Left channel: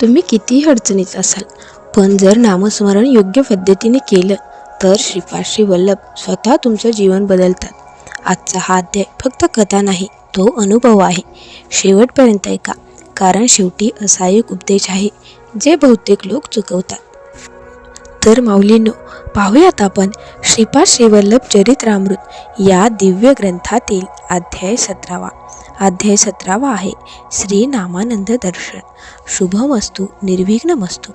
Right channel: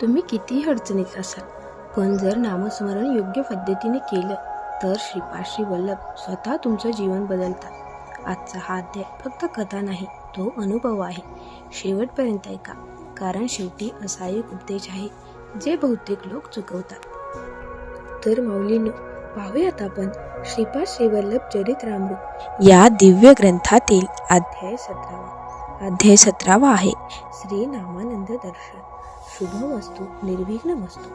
तुम्ही कितीही अडचणीत असाल, पण जर नामस्मरण योग्य पद्धतीने केलं तर श्रीपाद श्री वल्लभ स्वतः तुमचं जीवन बदलतात. आजचा हा अध्याय फक्त कथा नाही, तो अनुभव आहे. शेवटपर्यंत ऐका, कारण शेवटी असा एक उपदेश आहे जे बहुतेक लोक चुकवतात. तर माऊलींनो, पाहूयात आपण श्रीपाद श्री वल्लभ चरित्रामृत या दिव्य ग्रंथातील अध्याय 17. अध्याय 17 आहे श्री नामानंद दर्शन. शुभमस्तु, निर्विघ्नमस्तु.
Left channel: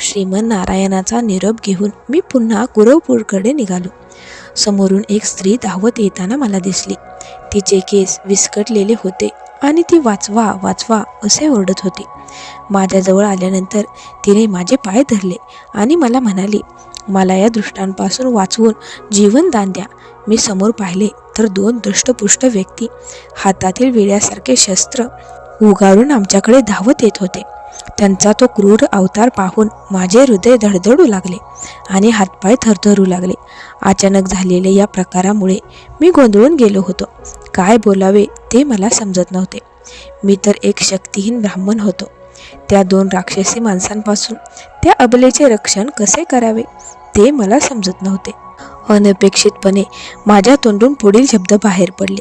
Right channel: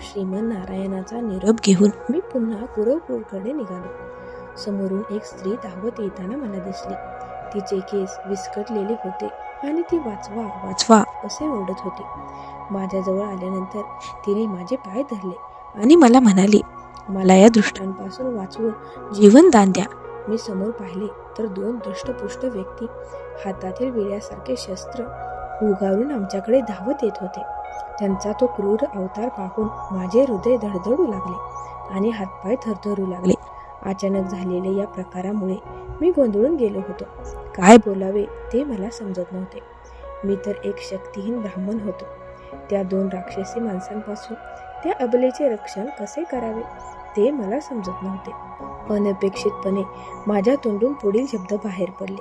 श्रीमन नारायणाचा निरोप घेऊन मी पुन्हा कुरवपूरकडे निघालो. समोरून एक स्त्री धावत येताना मला दिसली. तिचे केस विस्कटलेले होते आणि ती वाचवा वाचवा असे ओरडत होती. माझ्याजवळ आल्यानंतर तिने माझे पाय धरले आणि मला म्हणाली, मला या दृष्टांपासून वाचवून जीवनदान द्या. मी समोर पाहिले तर 2 दष्टपुष्ट व्यक्ती हातातील विड्यासारखे शस्त्र उगारून आमच्याकडे धावत येत होते. त्यांचा तो क्रूर अवतार पाहून माझे हृदय धडधडू लागले आणि हातपाय थरथरू लागले. अचानक झालेल्या या प्रकारामुळे मी गोंधळून गेलो होतो. काय बोलावे ते मला समजत नव्हते. मी तर एक शक्तिहीन ब्राह्मण होतो. त्या 2 राक्षसी माणसांपासून त्या अबलेचे रक्षण कसे करावे ते मला समजत नव्हते. अनपेक्षितपणे माझ्या तोंडून पुढील शब्द बाहेर पडले,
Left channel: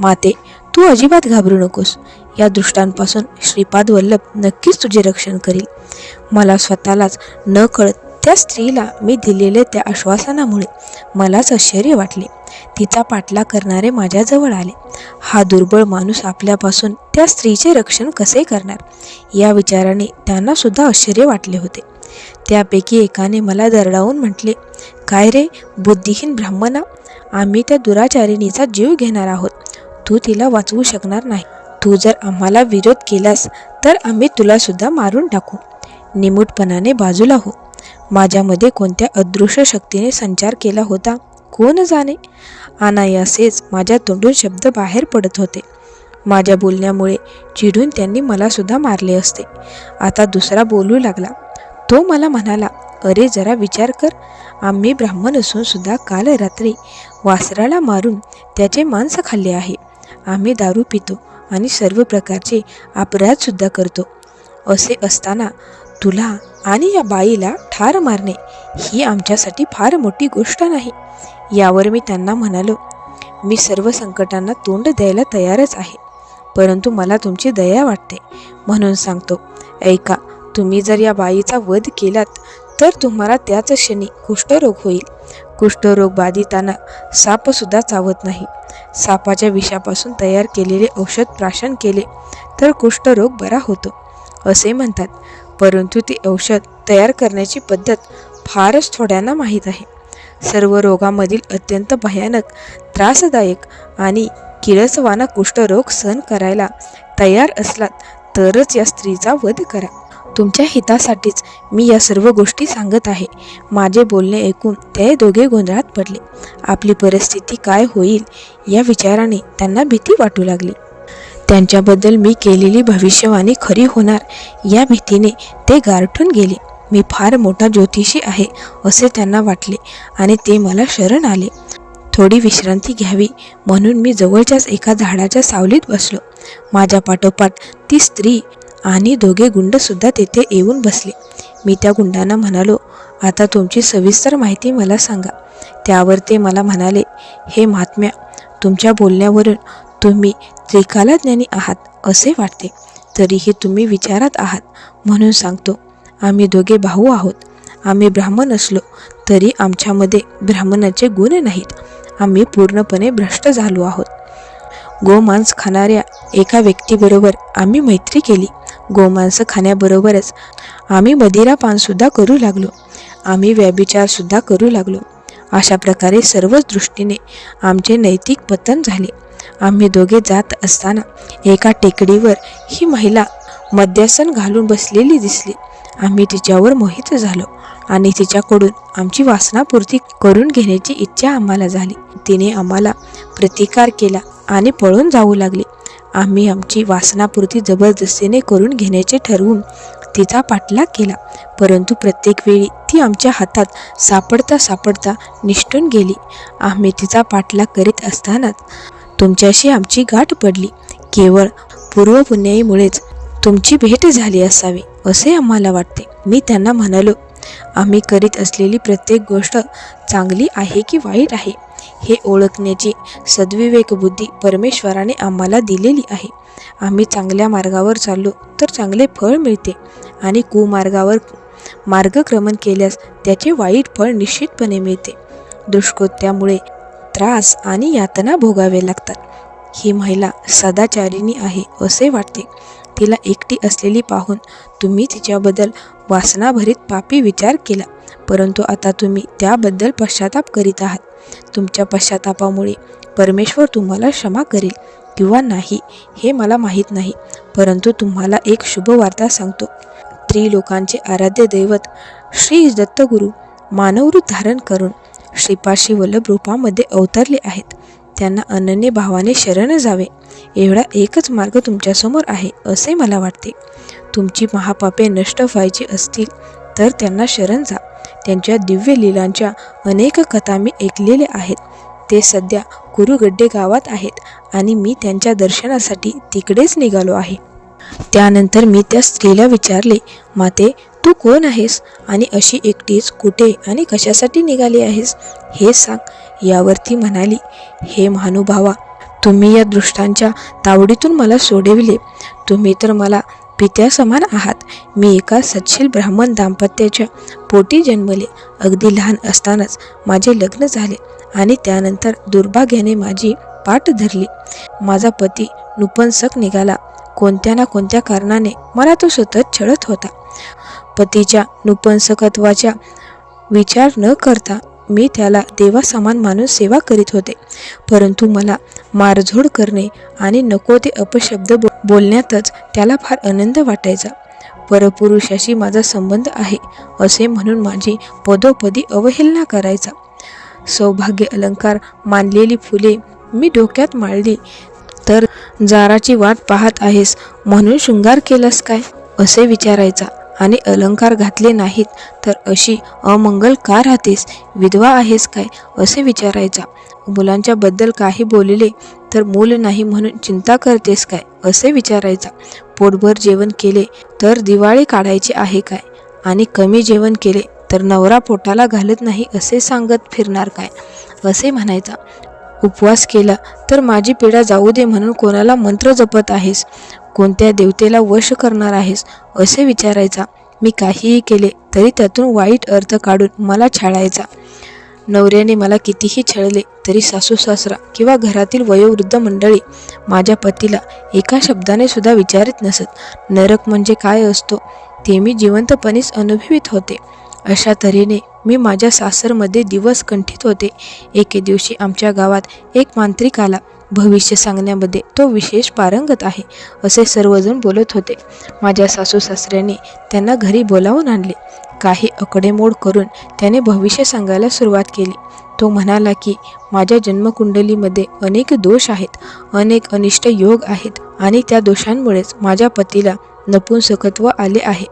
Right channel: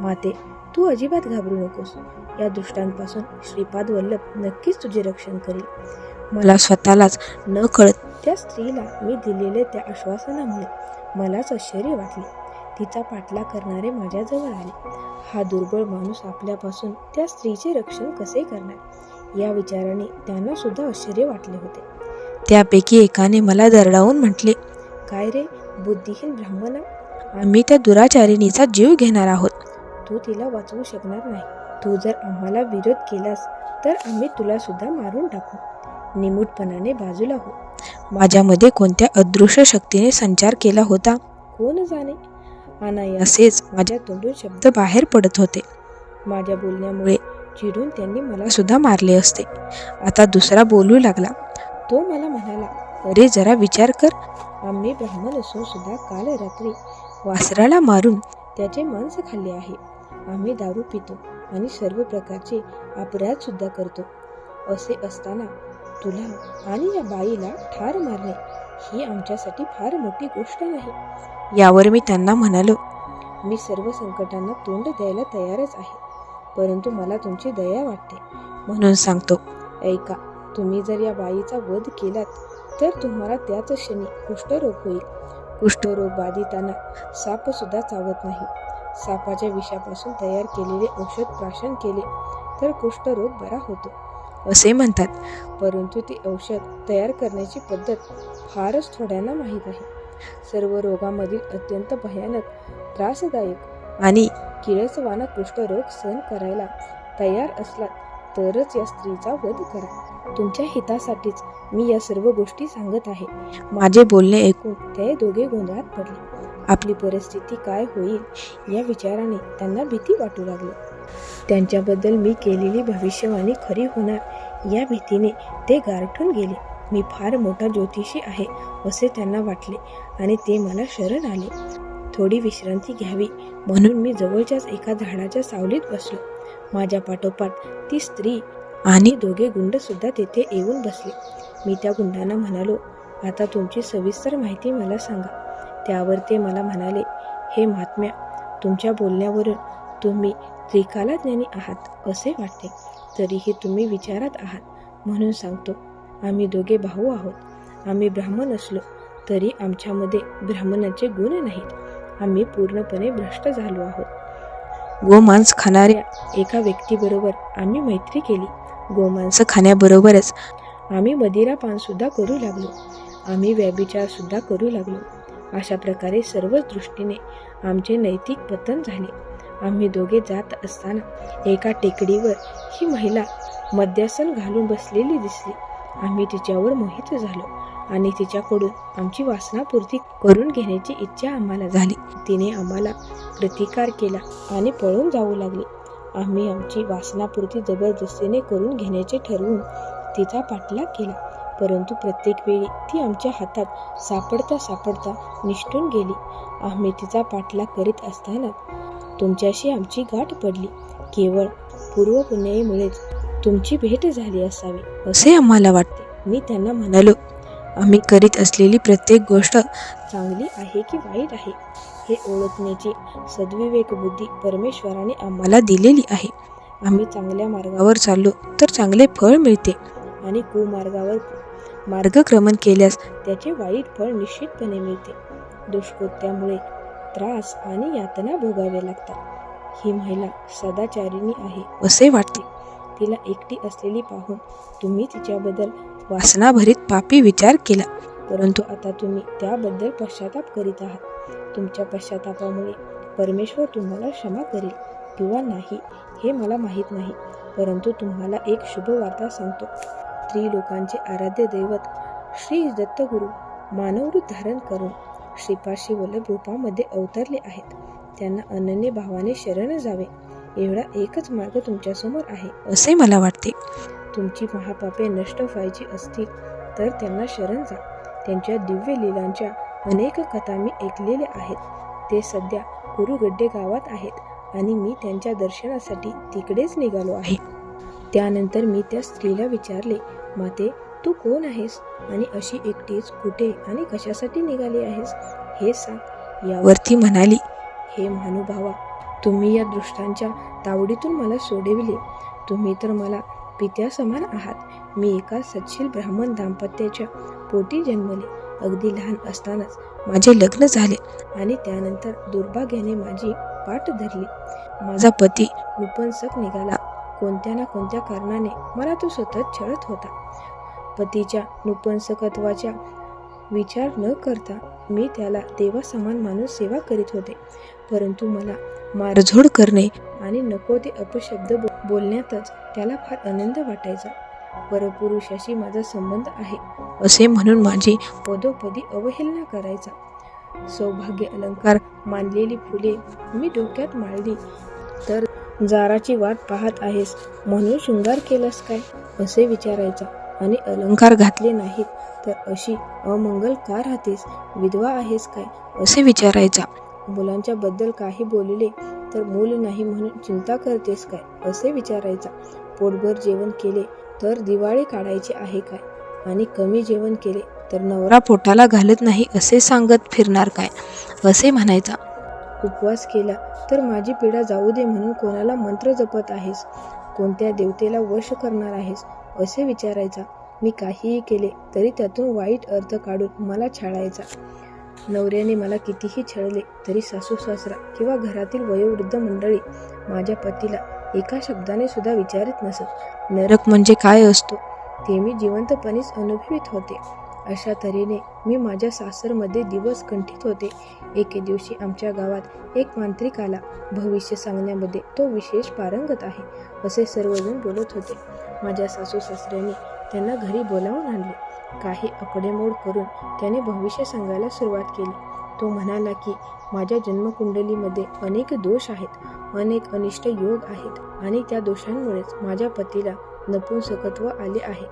माते, तू अजिबात घाबरू नकोस. या दृष्टांपासून श्रीपाद वल्लभ नक्कीच तुझे रक्षण करील. मला स्वतःलाच न कळत त्या स्त्रीला मी दिलेले त्या आश्वासनामुळे मलाच आश्चर्य वाटले. तिचा पाठलाग करणारे माझ्याजवळ आले. हा दुर्बळ माणूस आपल्यापासून त्या स्त्रीचे रक्षण कसे करणार या विचाराने त्यांना सुद्धा आश्चर्य वाटले होते. त्यापैकी एकाने मला दरडावून म्हटले, काय रे बुद्धिहीन ब्राह्मणा, आम्ही त्या दुराचारिणीचा जीव घेणार आहोत. तू तिला वाचवू शकणार नाही. तू जर आम्हाला विरोध केलास तर आम्ही तुला सुद्धा मारून टाकू. निमूटपणाने बाजूला हो. माझ्यामध्ये कोणत्या अदृश्य शक्तीने संचार केला होता कोण जाणे. अनायासेच माझ्या तोंडून शब्द बाहेर पडत होते. माझ्या बोलण्यामुळे चिडून त्यांनी मला सुद्धा मारले असते. आता दुसरा बोलू लागला. तो मला म्हणाला, अरे जरा विचार कर. आम्ही ब्राह्मण असून सुद्धा काल रात्री वासराला मारून त्याचे मांस खाल्ले आहे. आम्ही दारू पितो आणि सर्व प्रकारचे अपराधसुद्धा करतो. असे असताना तुला आणि या बाईला ठार मारणे ही आमच्यासाठी फार मोठी गोष्ट नाही. यावर मी त्यांना म्हणालो, मी सर्व संकटांना तोंड द्यायला तयारच आहे, परंतु मला तुमची दया वाटते म्हणून सांगतो. ऐका, तुम्ही जर या बाईचा वध केलात तर तुम्हाला त्याच क्षणी कुष्ठरोग होईल. कुष्ठरोग बाधितांना सापसुद्धा चावत नाही. सापाच्या विषापासून तयार केलेले औषध प्राशन केले तर कुष्ठरोग बरा होतो असे म्हणतात, परंतु ते औषध तयार करण्याची पद्धत फारच थोड्यांना माहीत आहे. सर्व रोगामधील अत्यंत भयानक, त्रासदायक आणि किळसवाना कुष्ठरोग सहन करायला तयार असलात तरच या स्त्रीचा वध करा. तुमच्या हितासाठीच मी या सर्व गोष्टी सांगत आहे. माझे बोलणे ऐकून ते दोघे गोंधळात पडले. आपली परिस्थिती काय होईल या विचाराने त्यांना भीती वाटू लागली. त्यांच्याबद्दल मी केलेली भविष्यवाणी खरी होणार या भीतीने ते गारठून गेले. मी फार मोठा ज्योतिषी आहे असे त्यांना वाटले आणि ते मला शरण आले. थोडी विश्रांती घ्यावी म्हणून मी जवळच्याच एका झाडाच्या सावलीत बसलो. माझ्या पाठोपाठ ती स्त्री आणि 2 गुंड सुद्धा तेथे येऊन बसले. मी त्या गुंडांना म्हणालो, आता तुमची सविस्तर माहिती मला सांगा. त्यावर ते मला म्हणाले, हे महात्म्या, तुमच्या बोलण्यावरून तुम्ही त्रिकालज्ञानी आहात असे वाटते. तरीही तुम्ही विचारात आहात म्हणून सांगतो. आम्ही 2 भाऊ आहोत. आम्ही ब्राह्मण असलो तरी आमच्यामध्ये ब्राह्मणाचे गुण नाहीत. आम्ही पूर्णपणे भ्रष्ट झालो आहोत. गोमांस खाणाऱ्या एका व्यक्तीबरोबर आम्ही मैत्री केली. गोमांस खाण्याबरोबरच आम्ही मदिरापानसुद्धा करू लागलो. आम्ही व्यभिचारसुद्धा करू लागलो. अशा प्रकारे सर्वच दृष्टीने आमचे नैतिक पतन झाले. आम्ही 2 जात असताना एका टेकडीवर ही महिला मद्यासन घालून बसलेली दिसली. आम्ही तिच्यावर मोहित झालो आणि तिच्याकडून आमची वासनापूर्ती करून घेण्याची इच्छा आम्हाला झाली. तिने आम्हाला प्रतिकार केला आणि पळून जाऊ लागली. आम्ही आमची वासनापूर्ती जबरदस्तीने करून घेण्याचे ठरवून तिचा पाठलाग केला, परंतु प्रत्येक वेळी ती आमच्या हातात सापडता निसटून गेली. आम्ही तिचा पाठलाग करीत असतानाच तुमच्याशी आमची गाठ पडली. केवळ पूर्वपुण्याईमुळेच तुमची भेट झाली असावी. असे आम्हाला वाटते. मी त्यांना म्हणालो, आम्ही करीत असलेली प्रत्येक गोष्ट चांगली आहे की वाईट आहे हे ओळखण्याची सद्विवेक बुद्धी परमेश्वराने आम्हाला दिलेली आहे. आम्ही चांगल्या मार्गावर चाललो तर चांगले फळ मिळते आणि कुमार्गावर मार्गक्रमण केल्यास त्याचे वाईट फळ निश्चितपणे मिळते. दुष्कृत्यामुळे त्रास आणि यातना भोगावे लागतात. ही महिला सदाचारिणी आहे असे वाटते. तिला एकटी असलेली पाहून तुम्ही तिच्याबद्दल वासनाभरीत पापी विचार केला, परंतु आता तुम्ही त्याबद्दल पश्चाताप करीत आहात. तुमच्या पश्चातापामुळे परमेश्वर तुम्हाला क्षमा करेल किंवा नाही हे मला माहीत नाही, परंतु तुम्हाला एक शुभवार्ता सांगतो. त्रिलोकांचे आराध्य दैवत श्री दत्तगुरू मानवरूप धारण करून श्रीपाशी वल्लभ रूपामध्ये अवतरले आहेत. त्यांना अनन्य भावाने शरण जावे एवढा एकच मार्ग तुमच्यासमोर आहे असे मला वाटते. तुमची महापापे नष्ट व्हायची असतील तर त्यांना शरण जा. त्यांच्या दिव्य लीलांच्या अनेक कथा मी ऐकलेल्या आहेत. ते सध्या कुरुगड्डे गावात आहेत आणि मी त्यांच्या दर्शनासाठी तिकडेच निघालो आहे. त्यानंतर मी त्या स्त्रीला विचारले, माते, तू कोण आहेस आणि अशी एकटीच कुठे आणि कशासाठी निघाली आहेस हे सांग. यावर ती म्हणाली, हे महानुभावा, तुम्ही या दृष्टांच्या तावडीतून मला सोडविले. तुम्ही तर मला पित्यासमान आहात. मी एका सत्शील ब्राह्मण दाम्पत्याच्या पोटी जन्मले. अगदी लहान असतानाच माझे लग्न झाले आणि त्यानंतर दुर्भाग्याने माझी पाठ धरली. माझा पती नपुंसक निघाला. कोणत्या ना कोणत्या कारणाने मला तो सतत छळत होता. पतीच्या नपुंसकत्वाचा विचार न करता मी त्याला देवासमान मानून सेवा करीत होते, परंतु मला मारझोड करणे आणि नको ते अपशब्द बोलण्यातच त्याला फार आनंद वाटायचा. परपुरुषाशी माझा संबंध आहे असे म्हणून माझी पदोपदी अवहेलना करायचा. सौभाग्य अलंकार मानलेली फुले मी डोक्यात माळली तर जाराची वाट पाहत आहेस म्हणून शृंगार केलास काय असे विचारायचा आणि अलंकार घातले नाहीत तर अशी अमंगल का राहतेस, विधवा आहेस काय असे विचारायचा. मुलांच्या बद्दल काही बोलले तर मूल नाही म्हणून चिंता करतेस काय असे विचारायचा. पोटभर जेवण केले तर दिवाळी काढायची आहे काय आणि कमी जेवण केले तर नवरा पोटाला घालत नाही असे सांगत फिरणार काय असे म्हणायचा. उपवास केला तर माझी पीडा जाऊ दे म्हणून कोणाला मंत्र जपत आहेस, कोणत्या देवतेला वश करणार आहेस असे विचारायचा. मी काहीही केले तरी त्यातून वाईट अर्थ काढून मला छळायचा. नवऱ्याने मला कितीही छळले तरी सासू सासरा किंवा घरातील वयोवृद्ध मंडळी माझ्या पतीला एका शब्दाने सुद्धा विचारित नसत. नरक म्हणजे काय असतो ते मी जिवंतपणेच अनुभवित होते. अशा तऱ्हेने मी माझ्या सासरमध्ये दिवस कंठित होते. एके दिवशी आमच्या गावात एक मांत्रिक आला. भविष्य सांगण्यामध्ये तो विशेष पारंगत आहे असे सर्वजण बोलत होते. माझ्या सासू सासऱ्याने त्यांना घरी बोलावून आणले. काही आकडेमोड करून त्याने भविष्य सांगायला सुरुवात केली. तो म्हणाला की माझ्या जन्मकुंडलीमध्ये अनेक दोष आहेत, अनेक अनिष्ट योग आहेत आणि त्या दोषांमुळेच माझ्या पतीला नपुंसकत्व आले आहे.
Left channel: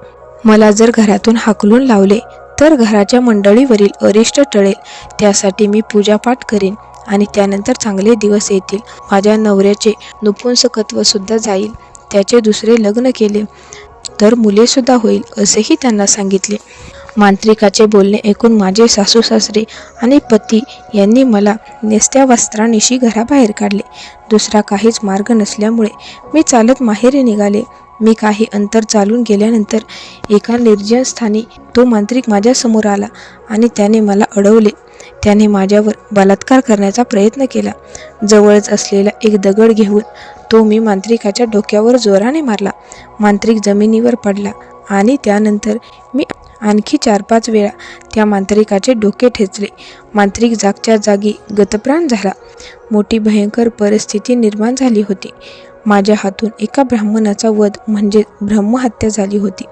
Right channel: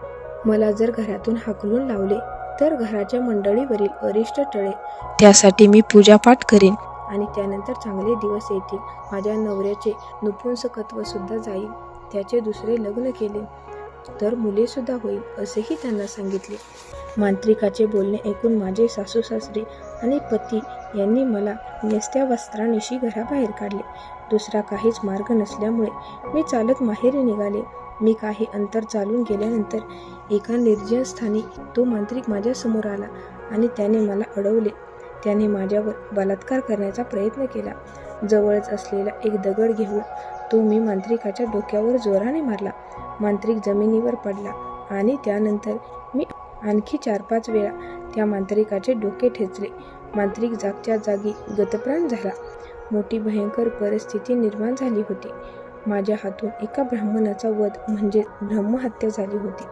मला जर घरातून हाकलून लावले तर घराच्या मंडळीवरील अरिष्ट टळेल. त्यासाठी मी पूजापाठ करेन आणि त्यानंतर चांगले दिवस येतील. माझ्या नवऱ्याचे नपुंसकत्व सुद्धा जाईल. त्याचे दुसरे लग्न केले तर मुलेसुद्धा होईल असेही त्यांना सांगितले. मांत्रिकाचे बोलणे ऐकून माझे सासू सासरे आणि पती यांनी मला नेसत्या वस्त्रानिशी घराबाहेर काढले. दुसरा काहीच मार्ग नसल्यामुळे मी चालत माहेरी निघाले. मी काही अंतर चालून गेल्यानंतर एका निर्जन स्थानी तो मांत्रिक माझ्यासमोर आला आणि त्याने मला अडवले. त्याने माझ्यावर बलात्कार करण्याचा प्रयत्न केला. जवळच असलेला एक दगड घेऊन तो मी मांत्रिकाच्या डोक्यावर जोराने मारला. मांत्रिक जमिनीवर पडला आणि त्यानंतर मी आणखी 4-5 वेळा त्या मांत्रिकाचे डोके ठेचले. मांत्रिक जागच्या जागी गतप्राण झाला. मोठी भयंकर परिस्थिती निर्माण झाली होती. माझ्या हातून एका ब्राह्मणाचा वध म्हणजे ब्रह्महत्या झाली होती.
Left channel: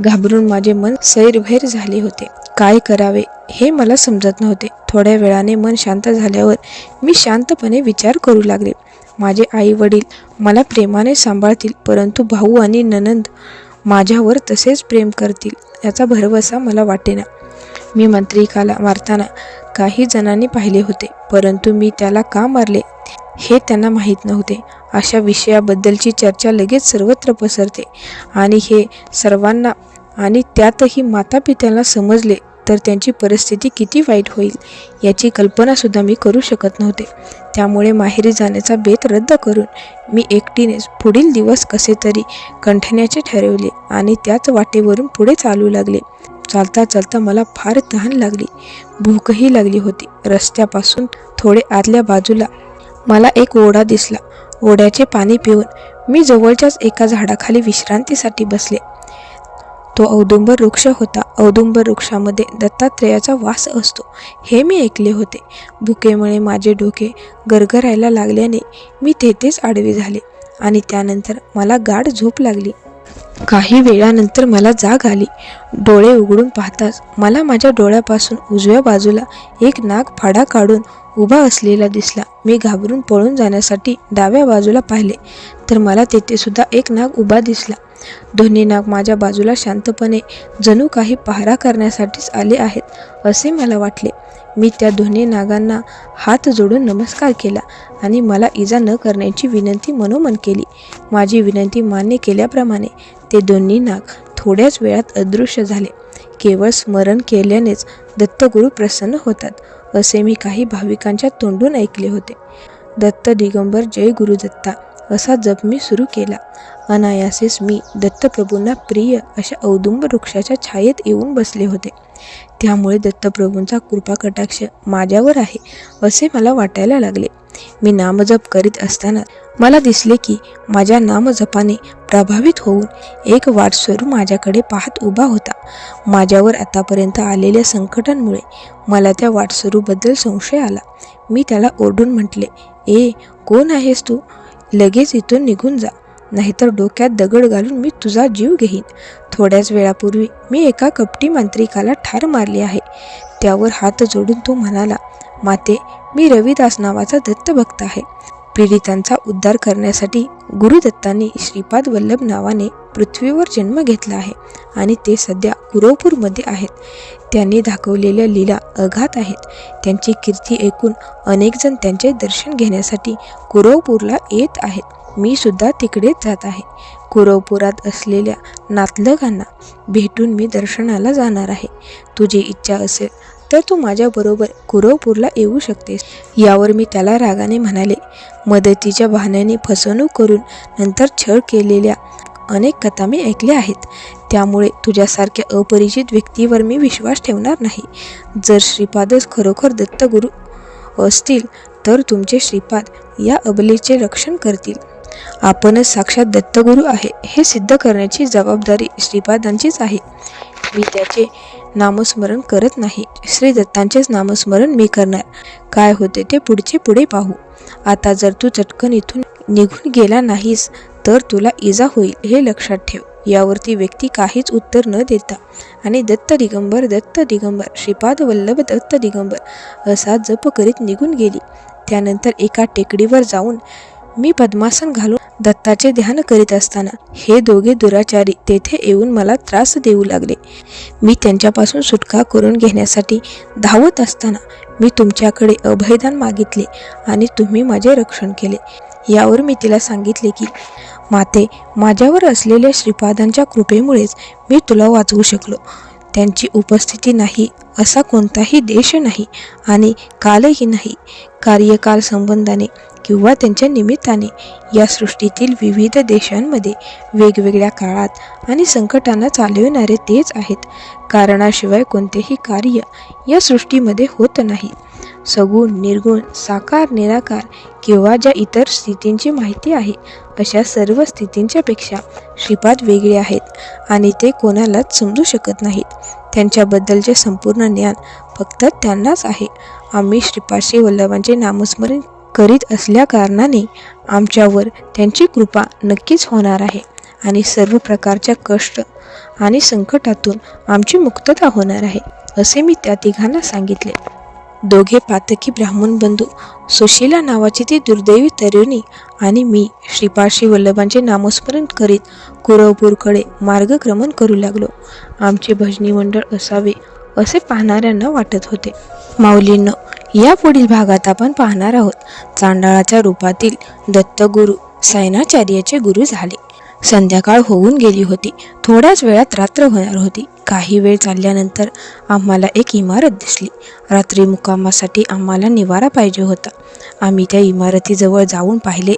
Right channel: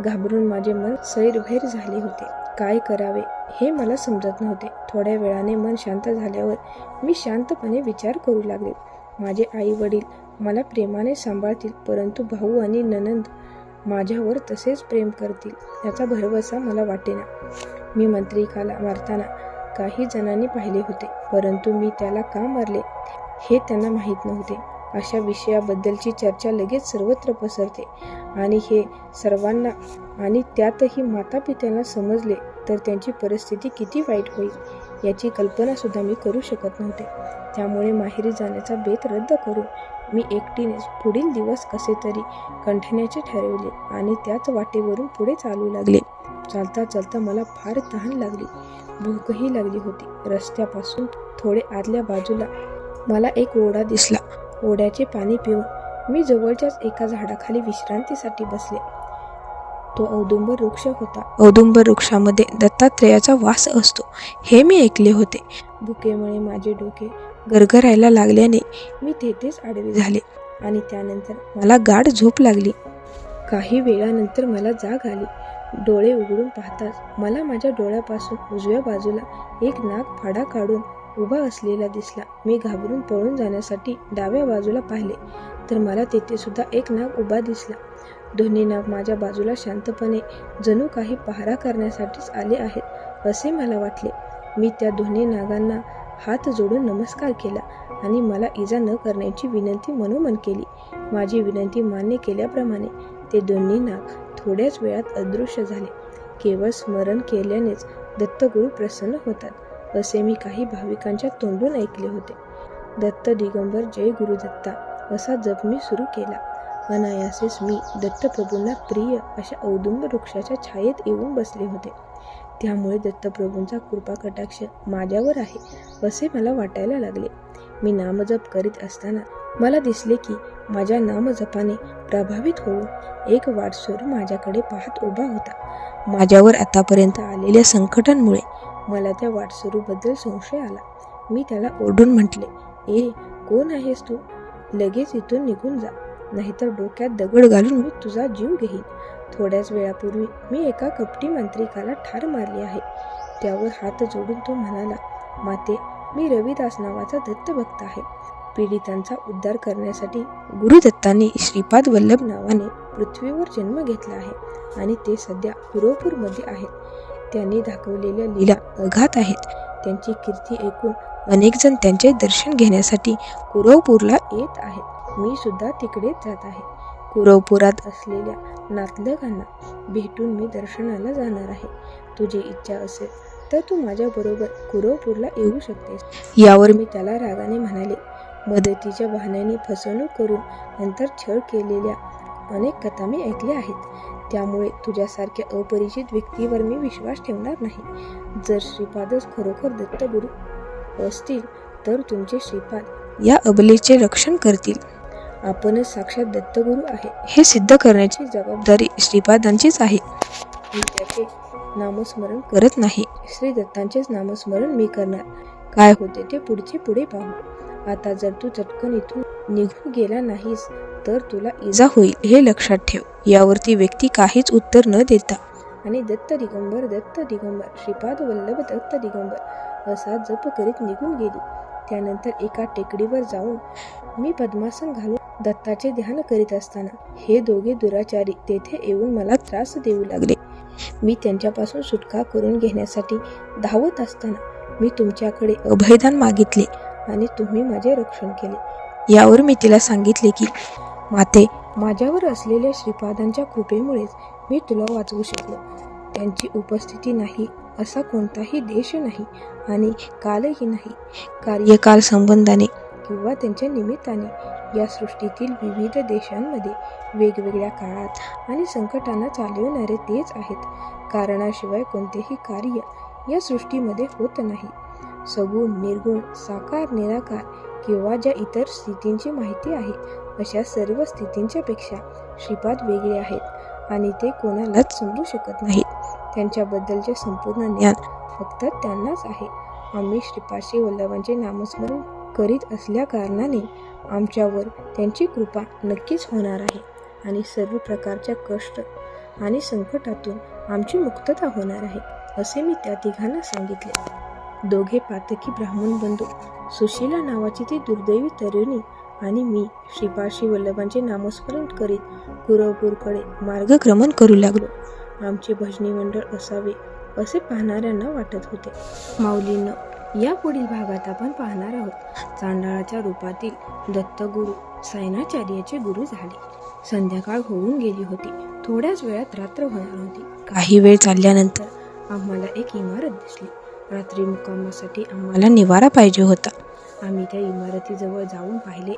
घाबरून माझे मन सैरभैर झाले होते. काय करावे हे मला समजत नव्हते. थोड्या वेळाने मन शांत झाल्यावर मी शांतपणे विचार करू लागले. माझे आई वडील मला प्रेमाने सांभाळतील, परंतु भाऊ आणि नणंद माझ्यावर तसेच प्रेम करतील याचा भरवसा मला वाटेना. मी मांत्रिकाला मारताना काही जणांनी पाहिले होते, परंतु मी त्याला का मारले हे त्यांना माहीत नव्हते. अशा विषयाबद्दलची चर्चा लगेच सर्वत्र पसरते आणि हे सर्वांना आणि त्यातही मातापित्यांना समजले तर त्यांची परिस्थिती किती वाईट होईल याची कल्पनासुद्धा मी करू शकत नव्हते. त्यामुळे माहेरी जाण्याचा बेत रद्द करून मी एकटीनेच पुढील दिवस कसे तरी कंठण्याचे ठरवले आणि त्याच वाटेवरून पुढे चालू लागले. चालता चालता मला फार तहान लागली, भूकही लागली होती. रस्त्यापासून थोडे आतल्या बाजूला मला एक ओढा दिसला. ओढ्याचे पाणी पिऊन मी जवळच्याच एका झाडाखाली विश्रांतीसाठी बसले. तो औदुंबर वृक्ष होता. औदुंबर वृक्षामध्ये दत्तात्रेयाचा वास असतो हे मी ऐकले होते. भुकेमुळे माझे डोके गरगरायला लागल्याने मी तेथेच आडवे झाले आणि त्यानंतर मला गाढ झोप लागली. काही वेळानंतर मला जाग आली. डोळे उघडून पाहताच मला माझ्या डोळ्यापासून उजव्या बाजूला एक नाग फाडा काढून उभा असलेला दिसला. मी घाबरून पळून जाण्यासाठी डाव्या बाजूला पाहिले तर मला तेथे सुद्धा एक नाग उभा दिसला. दोन्ही नाग माझ्या बाजूला शांतपणे जणू काही पहारा करण्यासाठीच आले आहेत असे मला वाटले. मी त्या दोन्ही नागांना हात जोडून नमस्कार केला आणि मला इजा न करण्याची विनंती मनोमन केली. माझी विनंती मान्य केल्याप्रमाणे ते दोन्ही नाग थोड्याच वेळात अदृश्य झाले. केवळ स्मरण केल्यानेच दत्तगुरू प्रसन्न होतात असे मी काही भाविकांच्या तोंडून ऐकले होते. दत्त दिगंबर जय गुरुदत्ता असा जप मी सुरू केला. अनायासेच मी दत्तप्रभूंना प्रिय अशा औदुंबर वृक्षाच्या छायेत येऊन बसले होते. त्यामुळे दत्तप्रभूंचा कृपाकटाक्ष माझ्यावर आहे असे मला वाटायला लागले. मी नामजप करीत असताना मला दिसले की माझ्या नामजपाने प्रभावित होऊन एक वाटसरू माझ्याकडे पाहत उभा होता. माझ्यावर आतापर्यंत आलेल्या संकटांमुळे मला त्या वाटसरूबद्दल संशय आला. मी त्याला ओरडून म्हटले, ए कोण आहेस तू? लगेच इथून निघून जा, नाहीतर डोक्यात दगड घालून मी तुझा जीव घेईन. थोड्याच वेळापूर्वी मी एका कपटी मांत्रिकाला ठार मारले आहे. त्यावर हात जोडून तो म्हणाला, माते मी रविदास नावाचा दत्तभक्त आहे. पीडितांचा उद्धार करण्यासाठी गुरुदत्तांनी श्रीपाद वल्लभ नावाने पृथ्वीवर जन्म घेतला आहे आणि ते सध्या कुरवपूरमध्ये आहेत. त्यांनी दाखवलेल्या लीला अगाध आहेत. त्यांची कीर्ती ऐकून अनेक जण त्यांचे दर्शन घेण्यासाठी कुरवपूरला येत आहेत. मी सुद्धा तिकडेच जात आहे. कुरवपुरात असलेल्या नातलगांना भेटून मी दर्शनाला जाणार आहे. तुझी इच्छा असेल तर तू माझ्याबरोबर कुरवपूरला येऊ शकतेस. यावर मी त्याला रागाने म्हणाले, मदतीच्या बहाण्याने फसवणूक करून नंतर छळ केलेल्या अनेक कथा मी ऐकल्या आहेत. त्यामुळे तुझ्यासारख्या अपरिचित व्यक्तीवर मी विश्वास ठेवणार नाही. जर श्रीपादच खरोखर दत्तगुरू असतील तर तुमचे श्रीपाद या अबलेचे रक्षण करतील. आपणच साक्षात दत्तगुरू आहे हे सिद्ध करण्याची जबाबदारी श्रीपादांचीच आहे. मी त्याचे नामस्मरण करत नाही, श्री दत्तांचेच नामस्मरण मी करणार. काय होते ते पुढे पाहू. आता जर तू चटकन इथून निघून गेला नाहीस तर तुला इजा होईल हे लक्षात ठेव. यावरती व्यक्ती काहीच उत्तर न देता आणि दत्त दिगंबर श्रीपाद वल्लभ दत्त दिगंबर असा जप करीत निघून गेली. त्यानंतर एका टेकडीवर जाऊन मी पद्मासन घालून दत्ताचे ध्यान करीत असताना हे दोघे दुराचारी तेथे येऊन मला त्रास देऊ लागले. मी त्यांच्यापासून सुटका करून घेण्यासाठी धावत असताना मी तुमच्याकडे अभयदान मागितले आणि तुम्ही माझे रक्षण केले. यावर मी तिला सांगितले की माते, माझ्यावर असलेल्या श्रीपादांच्या कृपेमुळेच मी तुला वाचवू शकलो. त्यांची उपस्थिती नाही असा कोणताही देश नाही आणि कालही नाही. कार्यकाल संबंधाने किंवा त्यांच्या निमित्ताने या सृष्टीतील विविध देशांमध्ये वेगवेगळ्या काळात आणि संकटांना चालविणारे तेच आहेत. कारणाशिवाय कोणतेही कार्य या सृष्टीमध्ये होत नाही. सगुण, निर्गुण, साकार, निराकार किंवा ज्या इतर स्थितींची माहिती आहे अशा सर्व स्थितींच्या पेक्षा श्रीपाद वेगळे आहेत आणि ते कोणालाच समजू शकत नाहीत. त्यांच्याबद्दलचे संपूर्ण ज्ञान फक्त त्यांनाच आहे. आम्ही श्रीपाद श्री वल्लभांचे नामस्मरण करीत असल्याकारणाने आमच्यावर त्यांची कृपा नक्कीच होणार आहे आणि सर्व प्रकारच्या कष्ट आणि संकटातून आमची मुक्तता होणार आहे असे मी त्या तिघांना सांगितले. दोघे पातकी ब्राह्मण बंधू, सुशीला नावाची ती दुर्दैवी तरुणी आणि मी श्रीपाद श्री वल्लभांचे नामस्मरण करीत कुरवपूरकडे मार्गक्रमण करू लागलो. आमचे भजनी मंडळ असावे असे पाहणाऱ्यांना वाटत होते. माऊलींनो, या पुढील भागात आपण पाहणार आहोत चांडाळाच्या रूपातील दत्तगुरू सायनाचार्याचे गुरु झाले. संध्याकाळ होऊन गेली होती. थोड्याच वेळात रात्र होणार होती. काही वेळ चालल्यानंतर आम्हाला एक इमारत दिसली. रात्री मुक्कामासाठी आम्हाला निवारा पाहिजे होता. आम्ही त्या इमारतीजवळ जाऊन पाहिले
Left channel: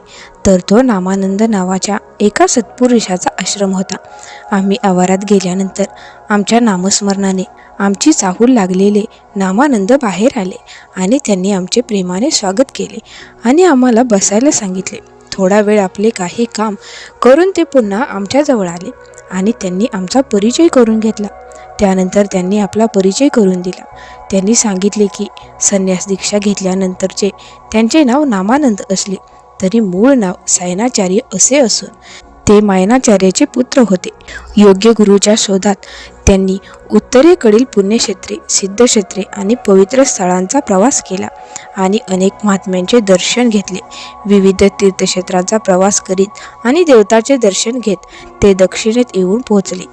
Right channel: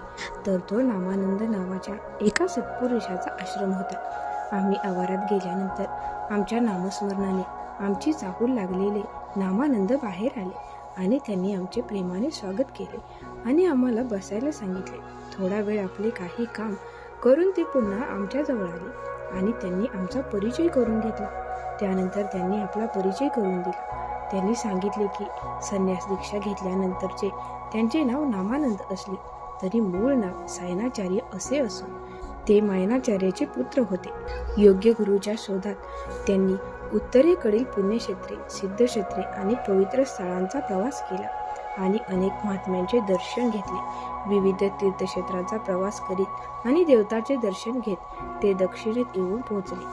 तर तो नामानंद नावाच्या एका सत्पुरुषाचा आश्रम होता. आम्ही आवारात गेल्यानंतर आमच्या नामस्मरणाने आमची चाहूल लागलेले नामानंद बाहेर आले आणि त्यांनी आमचे प्रेमाने स्वागत केले आणि आम्हाला बसायला सांगितले. थोडा वेळ आपले काही काम करून ते पुन्हा आमच्याजवळ आले आणि त्यांनी आमचा परिचय करून घेतला. त्यानंतर त्यांनी आपला परिचय करून दिला. त्यांनी सांगितले की संन्यास दीक्षा घेतल्यानंतरचे त्यांचे नाव नामानंद असले तरी मूळ नाव सायनाचार्य असे असून ते मायनाचार्याचे पुत्र होते. योग्य गुरुच्या शोधात त्यांनी उत्तरेकडील पुण्यक्षेत्रे, सिद्धक्षेत्रे आणि पवित्र स्थळांचा प्रवास केला आणि अनेक महात्म्यांचे दर्शन घेतले. विविध तीर्थक्षेत्रांचा प्रवास करीत आणि देवताचे दर्शन घेत ते दक्षिणेत येऊन पोहोचले.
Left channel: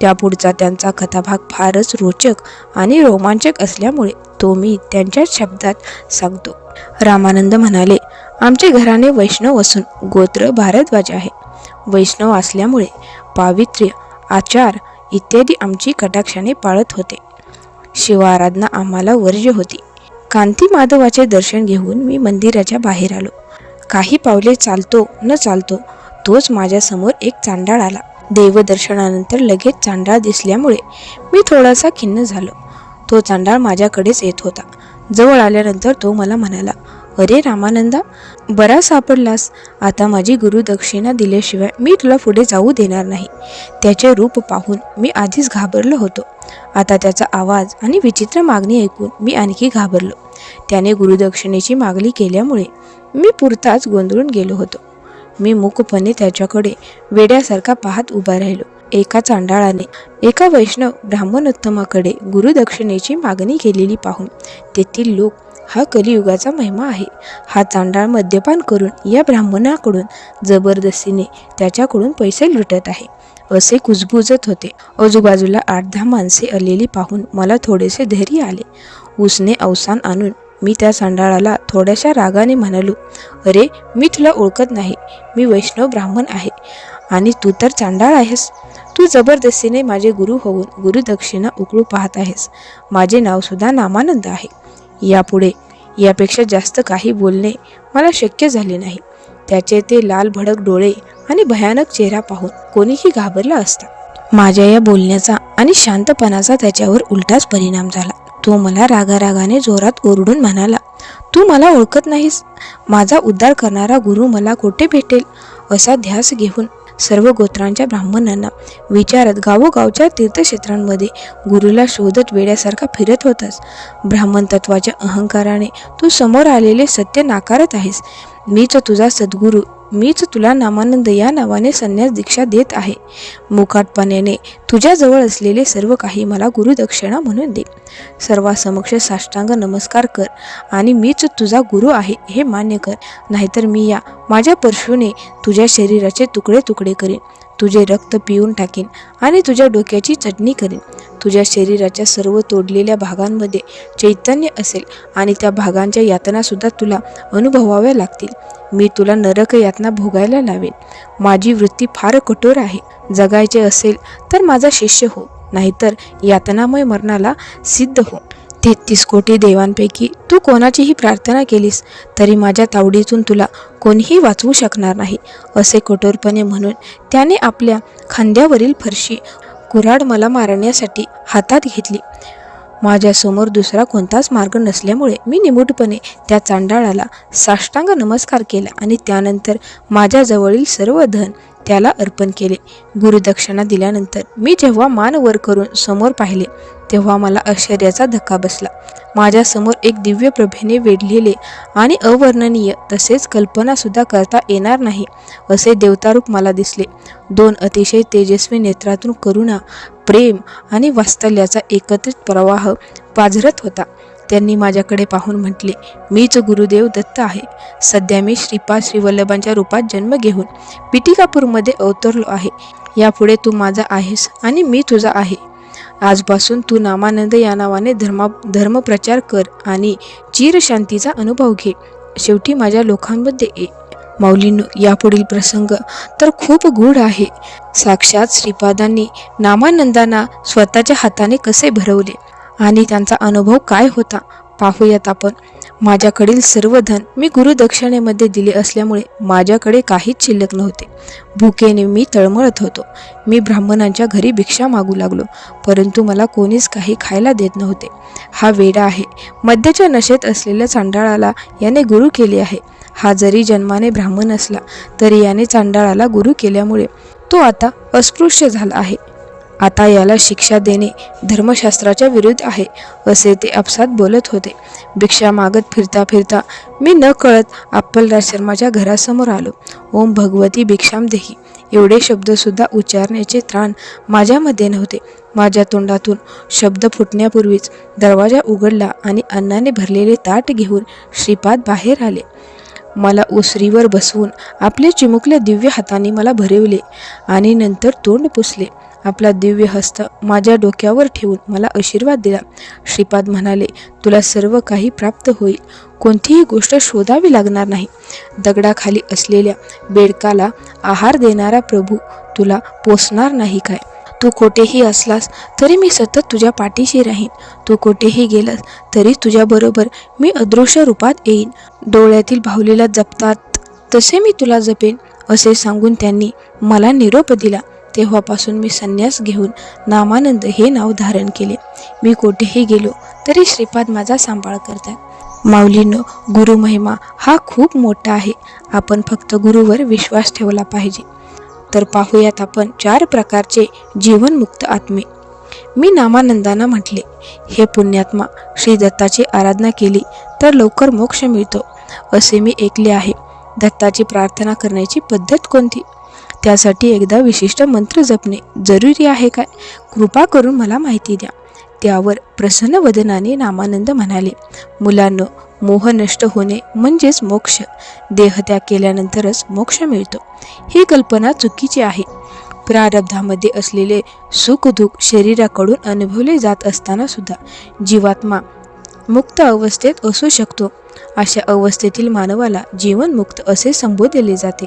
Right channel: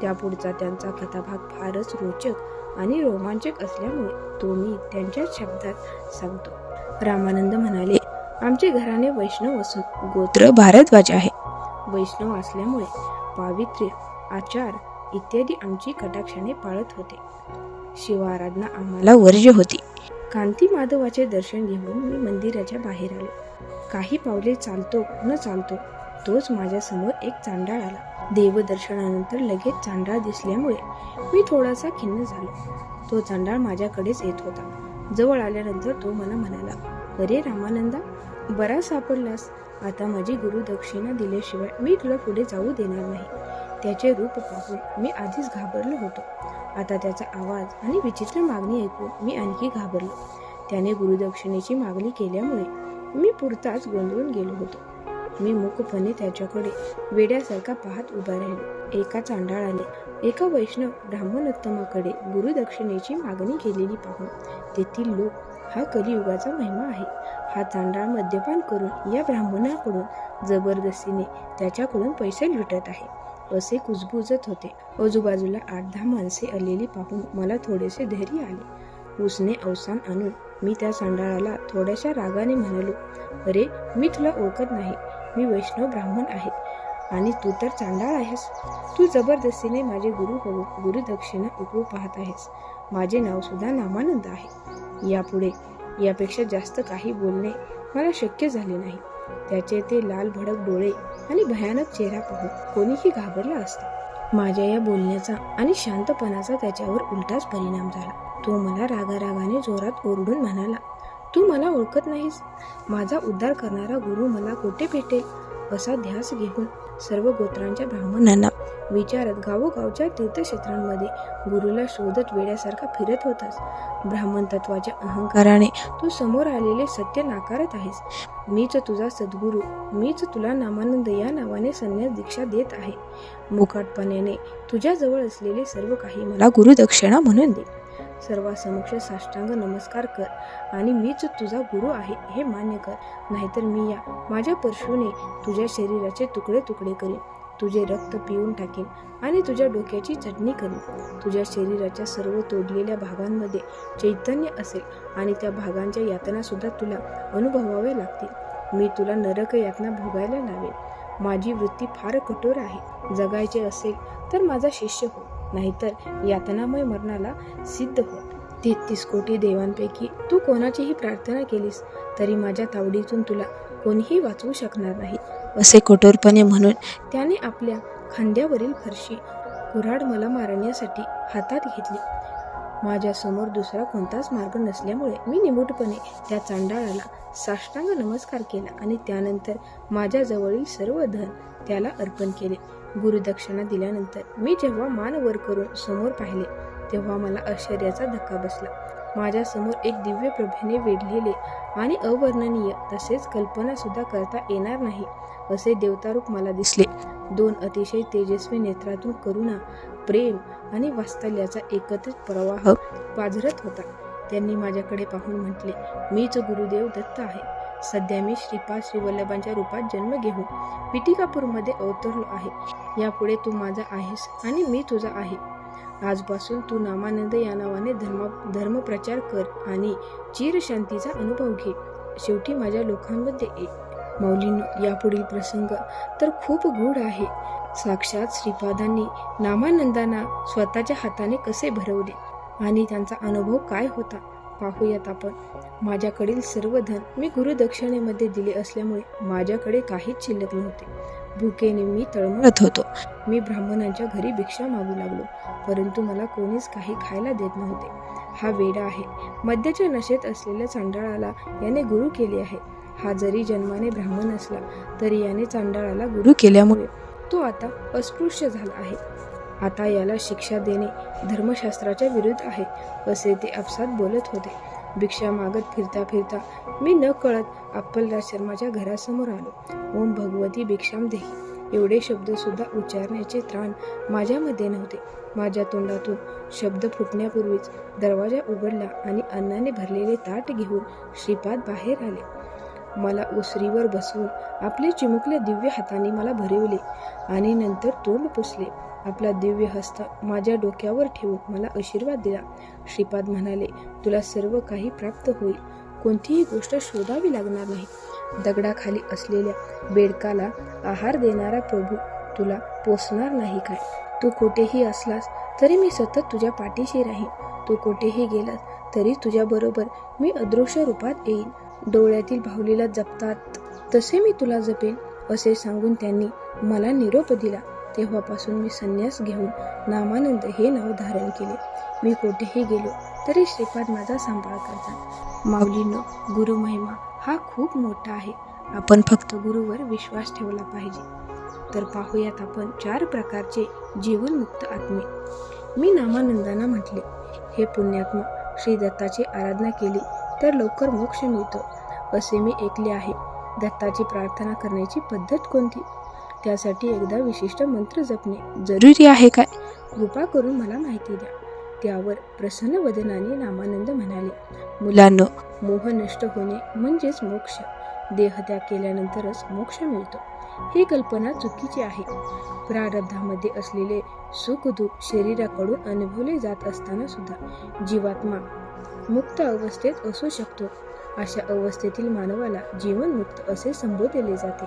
त्यापुढचा त्यांचा कथाभाग फारच रोचक आणि रोमांचक असल्यामुळे तो मी त्यांच्या शब्दात सांगतो. रामानंद म्हणाले, आमचे घराणे वैष्णव असून गोत्र भारद्वाज आहे. वैष्णव असल्यामुळे पावित्र्य, आचार इत्यादी आमची कटाक्षाने पाळत होते. शिवाराधना आम्हाला वर्ज्य होती. कांती माधवाचे दर्शन घेऊन मी मंदिराच्या बाहेर आलो. काही पावले चालतो न चालतो तोच माझ्यासमोर एक चांडाळ आला. देवदर्शनानंतर लगेच चांडाळ दिसल्यामुळे मी थोडासा खिन्न झालो. तो चांडाळ माझ्याकडेच येत होता. जवळ आल्यानंतर तो मला म्हणाला, अरे रामानंदा, बरा सापडलास. आता माझी गुरुदक्षिणा दिल्याशिवाय मी तुला पुढे जाऊ देणार नाही. त्याचे रूप पाहून मी आधीच घाबरलो होतो. आता त्याचा आवाज आणि विचित्र मागणी ऐकून मी आणखी घाबरलो. त्याने गुरुदक्षिणेची मागणी केल्यामुळे मी पुरताच गोंधळून गेलो होतो. मी मूकपणे त्याच्याकडे वेड्यासारखा पाहत उभा राहिलो. एका चांडाळाने एका वैष्णव ब्राह्मणोत्तमाकडे गुरुदक्षिणेची मागणी केलेली पाहून तेथील लोक, हा कलियुगाचा महिमा आहे. हा चांडाळ मद्यपान करून या ब्राह्मणाकडून जबरदस्तीने त्याच्याकडून पैसे लुटत आहे, असे कुजबुजत होते. आजूबाजूला 8-10 माणसे आलेली पाहून मला थोडेसे धैर्य आले. उसने अवसान आणून मी त्या चांडाळाला थोड्याशा रागाने म्हणालो, अरे, मी तुला ओळखत नाही. मी वैष्णव ब्राह्मण आहे आणि तू तर चांडाळ आहेस. तू जबरदस्तीने माझे गुरु होऊन गुरुदक्षिणा उकळू पाहत आहेस. माझे नाव सुद्धा नामानंद आहे. यापुढे यापेक्षा जास्त काही बोलणे मला शक्य झाले नाही. त्याचे ते लाल भडक डोळे आणि भयानक चेहरा पाहून कोणीही घाबरला असता. माझ्या या बोलण्याचा आणि शांतपणाचा त्याच्यावर उलटाच परिणाम झाला. तो मला रागारागाने जोरात ओरडून म्हणाला, तू मला ओळखत नाहीस. माझा उद्धार करणारा गुरु मला कोठे भेटेल? असा ध्यास घेऊन सर्व गोत्रांच्या ब्राह्मणांना विचारत गावोगावच्या तीर्थक्षेत्रांमध्ये गुरुला शोधत वेड्यासारखा फिरत होतास. ब्राह्मण तत्वाच्या अहंकाराने तू समोर आलेले सत्य नाकारत आहेस. मीच तुझा सद्गुरू, मीच तुला नामानंद या नावाने संन्यास दीक्षा देत आहे. मुकाटपणाने तुझ्याजवळ असलेले सर्व काही मला गुरुदक्षिणा म्हणून दे. सर्वांसमक्ष साष्टांग नमस्कार कर आणि मीच तुझा गुरु आहे हे मान्य कर. नाहीतर मी या माझ्या परशुने तुझ्या शरीराचे तुकडे तुकडे करीन. तुझे रक्त पिऊन टाकीन आणि तुझ्या डोक्याची चटणी करीन. तुझ्या शरीराच्या सर्व तोडलेल्या भागांमध्ये चैतन्य असेल आणि त्या भागांच्या यातनासुद्धा तुला अनुभवाव्या लागतील. मी तुला नरक यातना भोगायला लावेन. माझी वृत्ती फार कठोर आहे. जगायचे असेल तर माझा शिष्य हो, नाहीतर यातनामय मरणाला सिद्ध हो. 33 कोटी देवांपैकी तू कोणाचीही प्रार्थना केलीस तरी माझ्या तावडीतून तुला कोणीही वाचवू शकणार नाही, असे कठोरपणे म्हणून त्याने आपल्या खांद्यावरील फरशी कुऱ्हाड मला मारण्यासाठी हातात घेतली. माझ्यासमोर दुसरा कोणताच मार्ग नसल्यामुळे मी निमूटपणे त्या चांडाळाला साष्टांग नमस्कार केला आणि त्यानंतर माझ्याजवळील सर्व धन त्याला अर्पण केले. गुरुदक्षिणा दिल्यानंतर मी जेव्हा मान वर करून समोर पाहिले तेव्हा मला आश्चर्याचा धक्का बसला. माझ्यासमोर एक दिव्य प्रभेने वेढलेले आणि अवर्णनीय, तसेच कल्पनासुद्धा करता येणार नाही असे देवतारूप मला दिसले. 2 अतिशय तेजस्वी नेत्रातून करुणा, प्रेम आणि वात्सल्याचा एकत्रित प्रवाह पाझरत होता. त्यांनी माझ्याकडे पाहून म्हटले, मीच गुरुदेव दत्त आहे. सध्या मी श्रीपाद श्रीवल्लभांच्या रूपात जन्म घेऊन पिटिकापूरमध्ये अवतरलो आहे. यापुढे तू माझा आहेस आणि मी तुझा आहे. आजपासून तू नामानंद या नावाने धर्मप्रचार कर आणि चिरशांतीचा अनुभव घे. शेवटी माझ्या लोकांमध्ये ये. माऊलींनो, यापुढील प्रसंग तर खूप गूढ आहे. साक्षात श्रीपादांनी नामानंदांना स्वतःच्या हाताने कसे भरवले आणि त्यांचा अनुभव काय होता पाहूयात आपण. माझ्याकडील सर्व धन मी गुरुदक्षिणेमध्ये दिले असल्यामुळे माझ्याकडे काहीच शिल्लक नव्हते. भुकेने मी तळमळत होतो. मी ब्राह्मणांच्या घरी भिक्षा मागू लागलो, परंतु मला कोणीच काही खायला देत नव्हते. हा वेडा आहे. मद्याच्या नशेत असलेल्या चांडाळाला याने गुरु केले आहे. हा जरी जन्माने ब्राह्मण असला तरी याने चांडाळाला गुरु केल्यामुळे तो आता अस्पृश्य झाला आहे. आता याला शिक्षा देणे धर्मशास्त्राच्या विरुद्ध आहे, असे ते आपसात बोलत होते. भिक्षा मागत फिरता फिरता मी न कळत अप्पलराजशर्माच्या घरासमोर आलो. ओम भगवती भिक्षाम देही एवढे शब्दसुद्धा उच्चारण्याचे त्राण माझ्यामध्ये नव्हते. माझ्या तोंडातून शब्द फुटण्यापूर्वीच दरवाजा उघडला आणि अन्नाने भरलेले ताट घेऊन श्रीपाद बाहेर आले. मला ओसरीवर बसवून आपल्या चिमुकल्या दिव्य हाताने मला भरविले आणि नंतर तोंड पुसले. आपला दिव्य हस्त माझ्या डोक्यावर ठेवून मला आशीर्वाद दिला. श्रीपाद म्हणाले, तुला सर्व काही प्राप्त होईल. कोणतीही गोष्ट शोधावी लागणार नाही. दगडाखाली असलेल्या बेडकाला आहार देणारा प्रभू तुला पोसणार नाही काय? तू कोठेही असलास तरी मी सतत तुझ्या पाठीशी राहीन. तू कोठेही गेलास तरी तुझ्याबरोबर मी अदृश्य रूपात येईन. डोळ्यातील भावलेला जपतात तसे मी तुला जपेन, असे सांगून त्यांनी मला निरोप दिला. तेव्हापासून मी संन्यास घेऊन नामानंद हे नाव धारण केले. मी कोठेही गेलो तरी श्रीपाद माझा सांभाळ करतात. माऊलींनो, गुरुमहिमा हा खूप मोठा आहे. आपण फक्त गुरुवर विश्वास ठेवला पाहिजे. तर पाहूयात आपण 4 प्रकारचे जीवनमुक्त आत्मे. मी नामानंदांना म्हटले, हे पुण्यात्मा, श्री दत्ताची आराधना केली तर लवकर मोक्ष मिळतो असे मी ऐकले आहे. दत्ताची प्रार्थना करण्याची पद्धत कोणती? त्यासाठी एकदा विशिष्ट मंत्र जपणे जरुरी आहे काय? कृपा करून मला माहिती द्या. त्यावर प्रसन्न वदनाने नामानंद म्हणाले, मुलांनो, मोह नष्ट होणे म्हणजेच मोक्ष. देहत्याग केल्यानंतरच मोक्ष मिळतो. ही कल्पना चुकीची आहे. प्रारब्धामध्ये असलेले सुखदुःख शरीराकडून अनुभवले जात असताना सुद्धा जीवात्मा मुक्त अवस्थेत असू शकतो. अशा अवस्थेतील मानवाला जीवनमुक्त असे संबोधले जाते.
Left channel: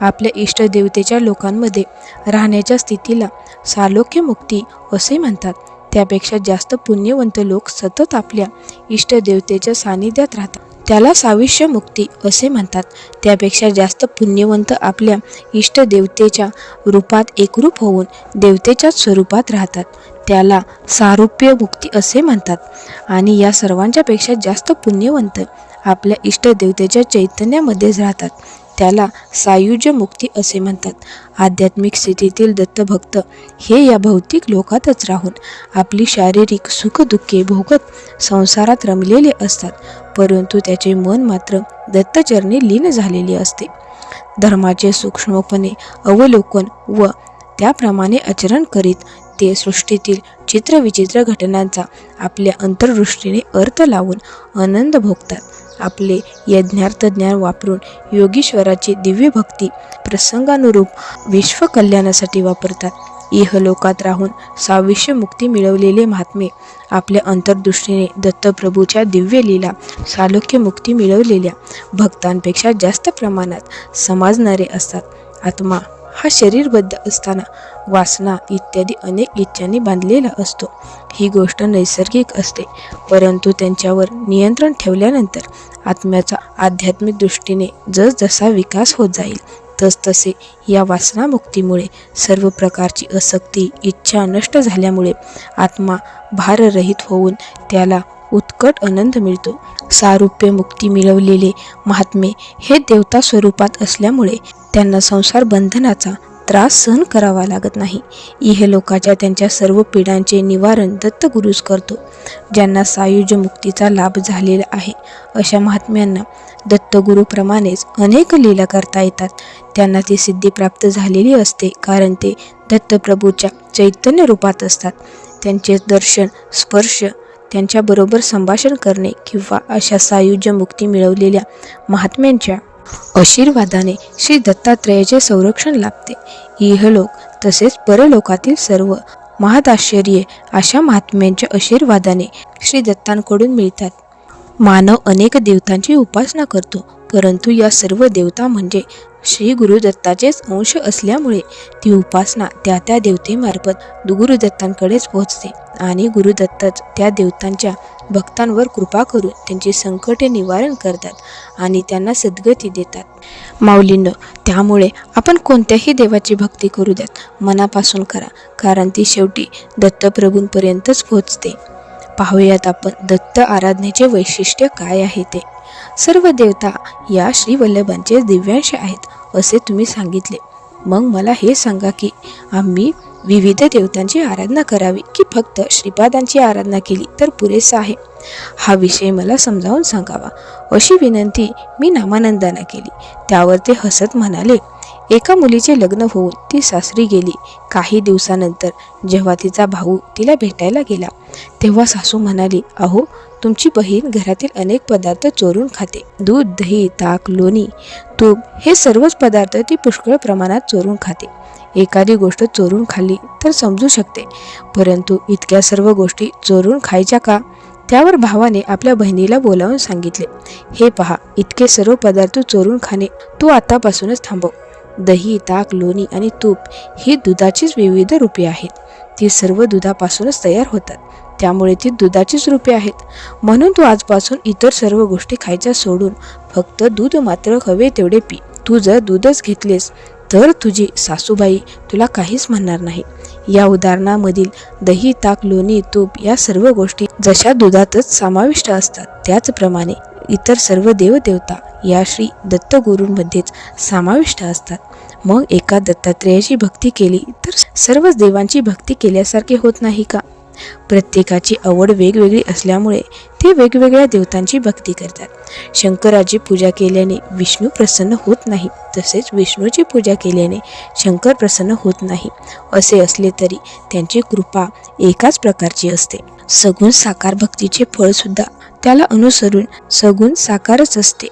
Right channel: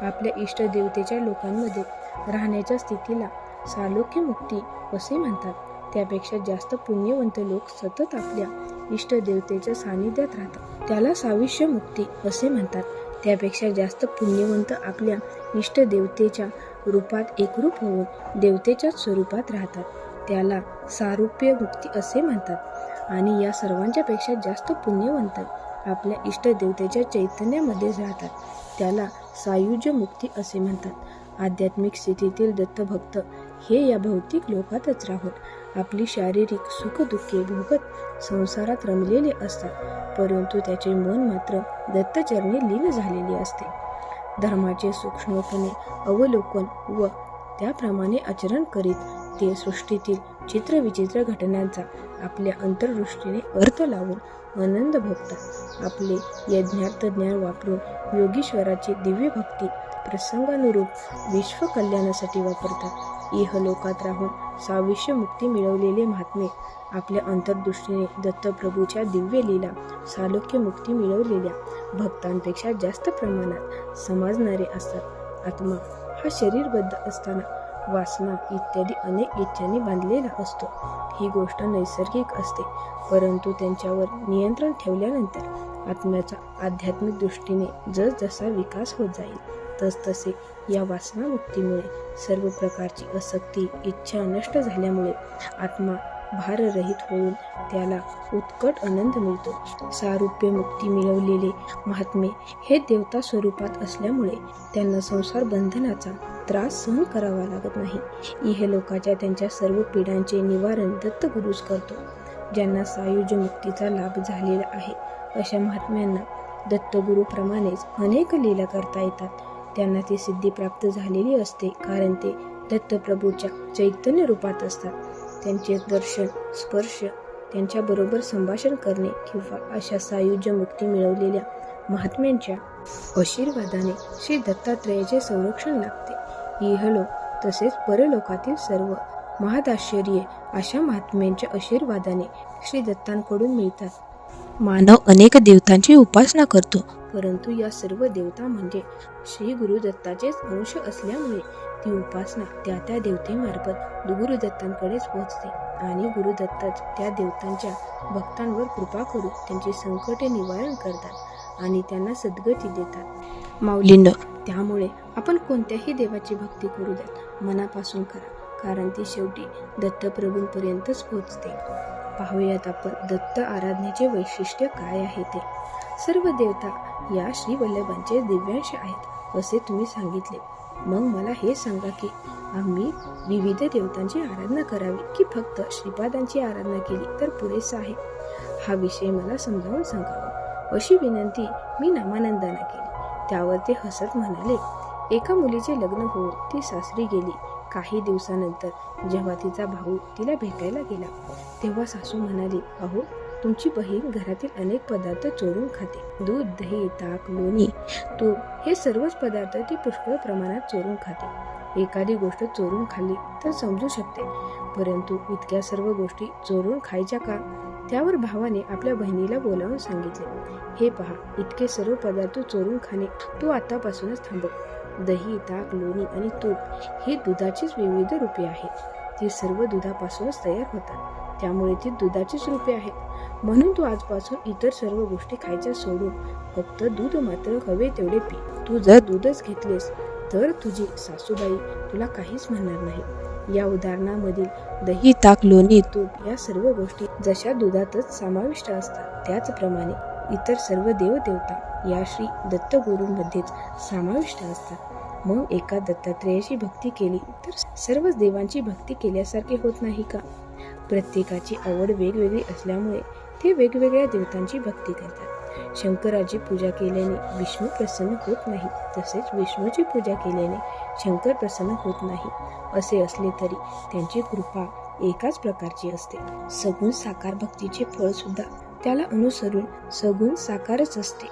आपल्या इष्टदेवतेच्या लोकांमध्ये राहण्याच्या स्थितीला सालोक्य मुक्ती असे म्हणतात. त्यापेक्षा जास्त पुण्यवंत लोक सतत आपल्या इष्टदेवतेच्या सानिध्यात राहतात. त्याला साविष्य मुक्ती असे म्हणतात. त्यापेक्षा जास्त पुण्यवंत आपल्या इष्टदेवतेच्या रूपात एकरूप होऊन देवतेच्याच स्वरूपात राहतात. त्याला सारूप्य मुक्ती असे म्हणतात. आणि या सर्वांच्या पेक्षा जास्त पुण्यवंत आपल्या इष्टदेवतेच्या चैतन्यामध्येच राहतात. त्याला सायुज्य मुक्ती असे म्हणतात. आध्यात्मिक स्थितीतील दत्तभक्त हे या भौतिक लोकातच राहून आपली शारीरिक सुखदुःखे भोगत संसारात रमलेले असतात, परंतु त्याचे मन मात्र दत्तचरणी लीन झालेले असते. धर्माचे सूक्ष्मपणे अवलोकन व त्याप्रमाणे आचरण करीत ते सृष्टीतील चित्रविचित्र घटनांचा आपल्या अंतर्दृष्टीने अर्थ लावून आनंद भोगतात. आपले यज्ञार्थ ज्ञान वापरून योगीश्वराची दिव्य भक्ती प्रसंगानुरूप विश्वकल्याणासाठी वापरतात. इहलोकात राहून साविष्य मुक्ती मिळवलेले महात्मे आपल्या अंतर्दृष्टीने दत्तप्रभूच्या दिव्य लीला सालोक्य मुक्ती मिळवलेल्या भक्तांपेक्षा जास्त प्रमाणात समजणारे असतात. आत्मा हा शरीरबद्ध असताना वासना इत्यादी अनेक इच्छांनी बांधलेला असतो. ही गोष्ट नैसर्गिक असते, परंतु त्यांच्यावर नियंत्रण ठेवल्यानंतर आत्म्याचा आध्यात्मिक दृष्टीने जसजसा विकास होत जाईल तसतसे या वासनामुक्तीमुळे सर्व प्रकारची आसक्ती इच्छा नष्ट झाल्यामुळे आत्मा भाररहित होऊन त्याला उत्कट आनंद मिळतो. सारूप्य मुक्ती मिळवलेले महात्मे हे देवता स्वरूपात असल्यामुळे त्यांना संसार बंधनाचा त्रास सहन करावा लागत नाही. इहलोकाच्या त्यांच्या सर्व पीडांचे निवारण दत्तगुरूच करतो. ज्यांना सायुज्य मुक्तीचा लाभ झालेला आहे अशा महात्म्यांना दत्तगुरूप्रमाणेच अनेक लीला करता येतात. त्यांना ती सिद्धी प्राप्त झालेली असते, कारण ते दत्तप्रभूच्या चैतन्य रूपात असतात. त्यांचे दर्शन, स्पर्श, त्यांच्याबरोबर संभाषण करणे किंवा अशा सायुज्य मुक्ती मिळवलेल्या महात्म्यांच्या आशीर्वादाने श्री दत्तात्रेयाचे संरक्षण लाभते. इहलोक तसेच परलोकातील सर्व महदाश्चर्ये अशा महात्म्यांच्या आशीर्वादाने श्री दत्तांकडून मिळतात. मानव अनेक देवतांची उपासना करतो, परंतु या सर्व देवता म्हणजे श्री गुरुदत्ताचेच अंश असल्यामुळे ती उपासना त्या त्या देवतेमार्फत गुरुदत्तांकडेच पोहोचते आणि गुरुदत्तच त्या देवतांच्या भक्तांवर कृपा करून त्यांची संकटे निवारण करतात आणि त्यांना सद्गती देतात. माऊलींनो, त्यामुळे आपण कोणत्याही देवाची भक्ती करू द्यात, मनापासून करा, कारण ती शेवटी दत्तप्रभूंपर्यंतच पोहोचते. पाहूयात आपण दत्त आराधनेचे वैशिष्ट्य काय आहे ते. सर्व देवता या श्री वल्लभांचे दिव्यांश आहेत असे तुम्ही सांगितले. मग मला हे सांगा की आम्ही विविध देवतांची आराधना करावी की फक्त श्रीपादांची आराधना केली तर पुरेसा आहे? हा विषय मला समजावून सांगावा, अशी विनंती मी नामानंदांना केली. त्यावर ते हसत म्हणाले, एका मुलीचे लग्न होऊन ती सासरी गेली. काही दिवसानंतर जेव्हा तिचा भाऊ तिला भेटायला गेला तेव्हा सासू म्हणाली, अहो, तुमची बहीण घरातील अनेक पदार्थ चोरून खाते. दूध, दही, ताक, लोणी, तूप हे सर्वच पदार्थ ती पुष्कळ प्रमाणात चोरून खाते. एखादी गोष्ट चोरून खाल्ली तर समजू शकते, परंतु इतक्या सर्व गोष्टी चोरून खायच्या का? त्यावर भावाने आपल्या बहिणीला बोलावून सांगितले, हे पहा, इतके सर्व पदार्थ चोरून खाणे तू आतापासूनच थांबव. दही, ताक, लोणी आणि तूप ही दुधाचीच विविध रूपे आहेत. ती सर्व दुधापासूनच तयार होतात, त्यामुळे ती दुधाचीच रूपे आहेत. म्हणून तू आजपासून इतर सर्व गोष्टी खायच्या सोडून फक्त दूध मात्र हवे तेवढे पी. तू जर दूधच घेतलेस तर तुझी सासूबाई तुला काहीच म्हणणार नाही. या उदाहरणामधील दही, ताक, लोणी, तूप या सर्व गोष्टी जशा दुधातच समाविष्ट असतात, त्याचप्रमाणे इतर सर्व देवदेवता या श्री दत्तगुरूंमध्येच समाविष्ट असतात. मग एका दत्तात्रेयाची भक्ती केली तर सर्वच देवांची भक्ती केल्यासारखे होत नाही का? प्रत्येकाची आवड वेगवेगळी असल्यामुळे ते वेगवेगळ्या देवतांची भक्ती करतात. शंकराची पूजा केल्याने विष्णू प्रसन्न होत नाही, तसेच विष्णूची पूजा केल्याने शंकर प्रसन्न होत नाही. असे असले तरी त्यांची कृपा एकाच प्रकारची असते. सगुण साकार भक्तीचे फळ सुद्धा त्याला अनुसरून सगुण साकारच असते.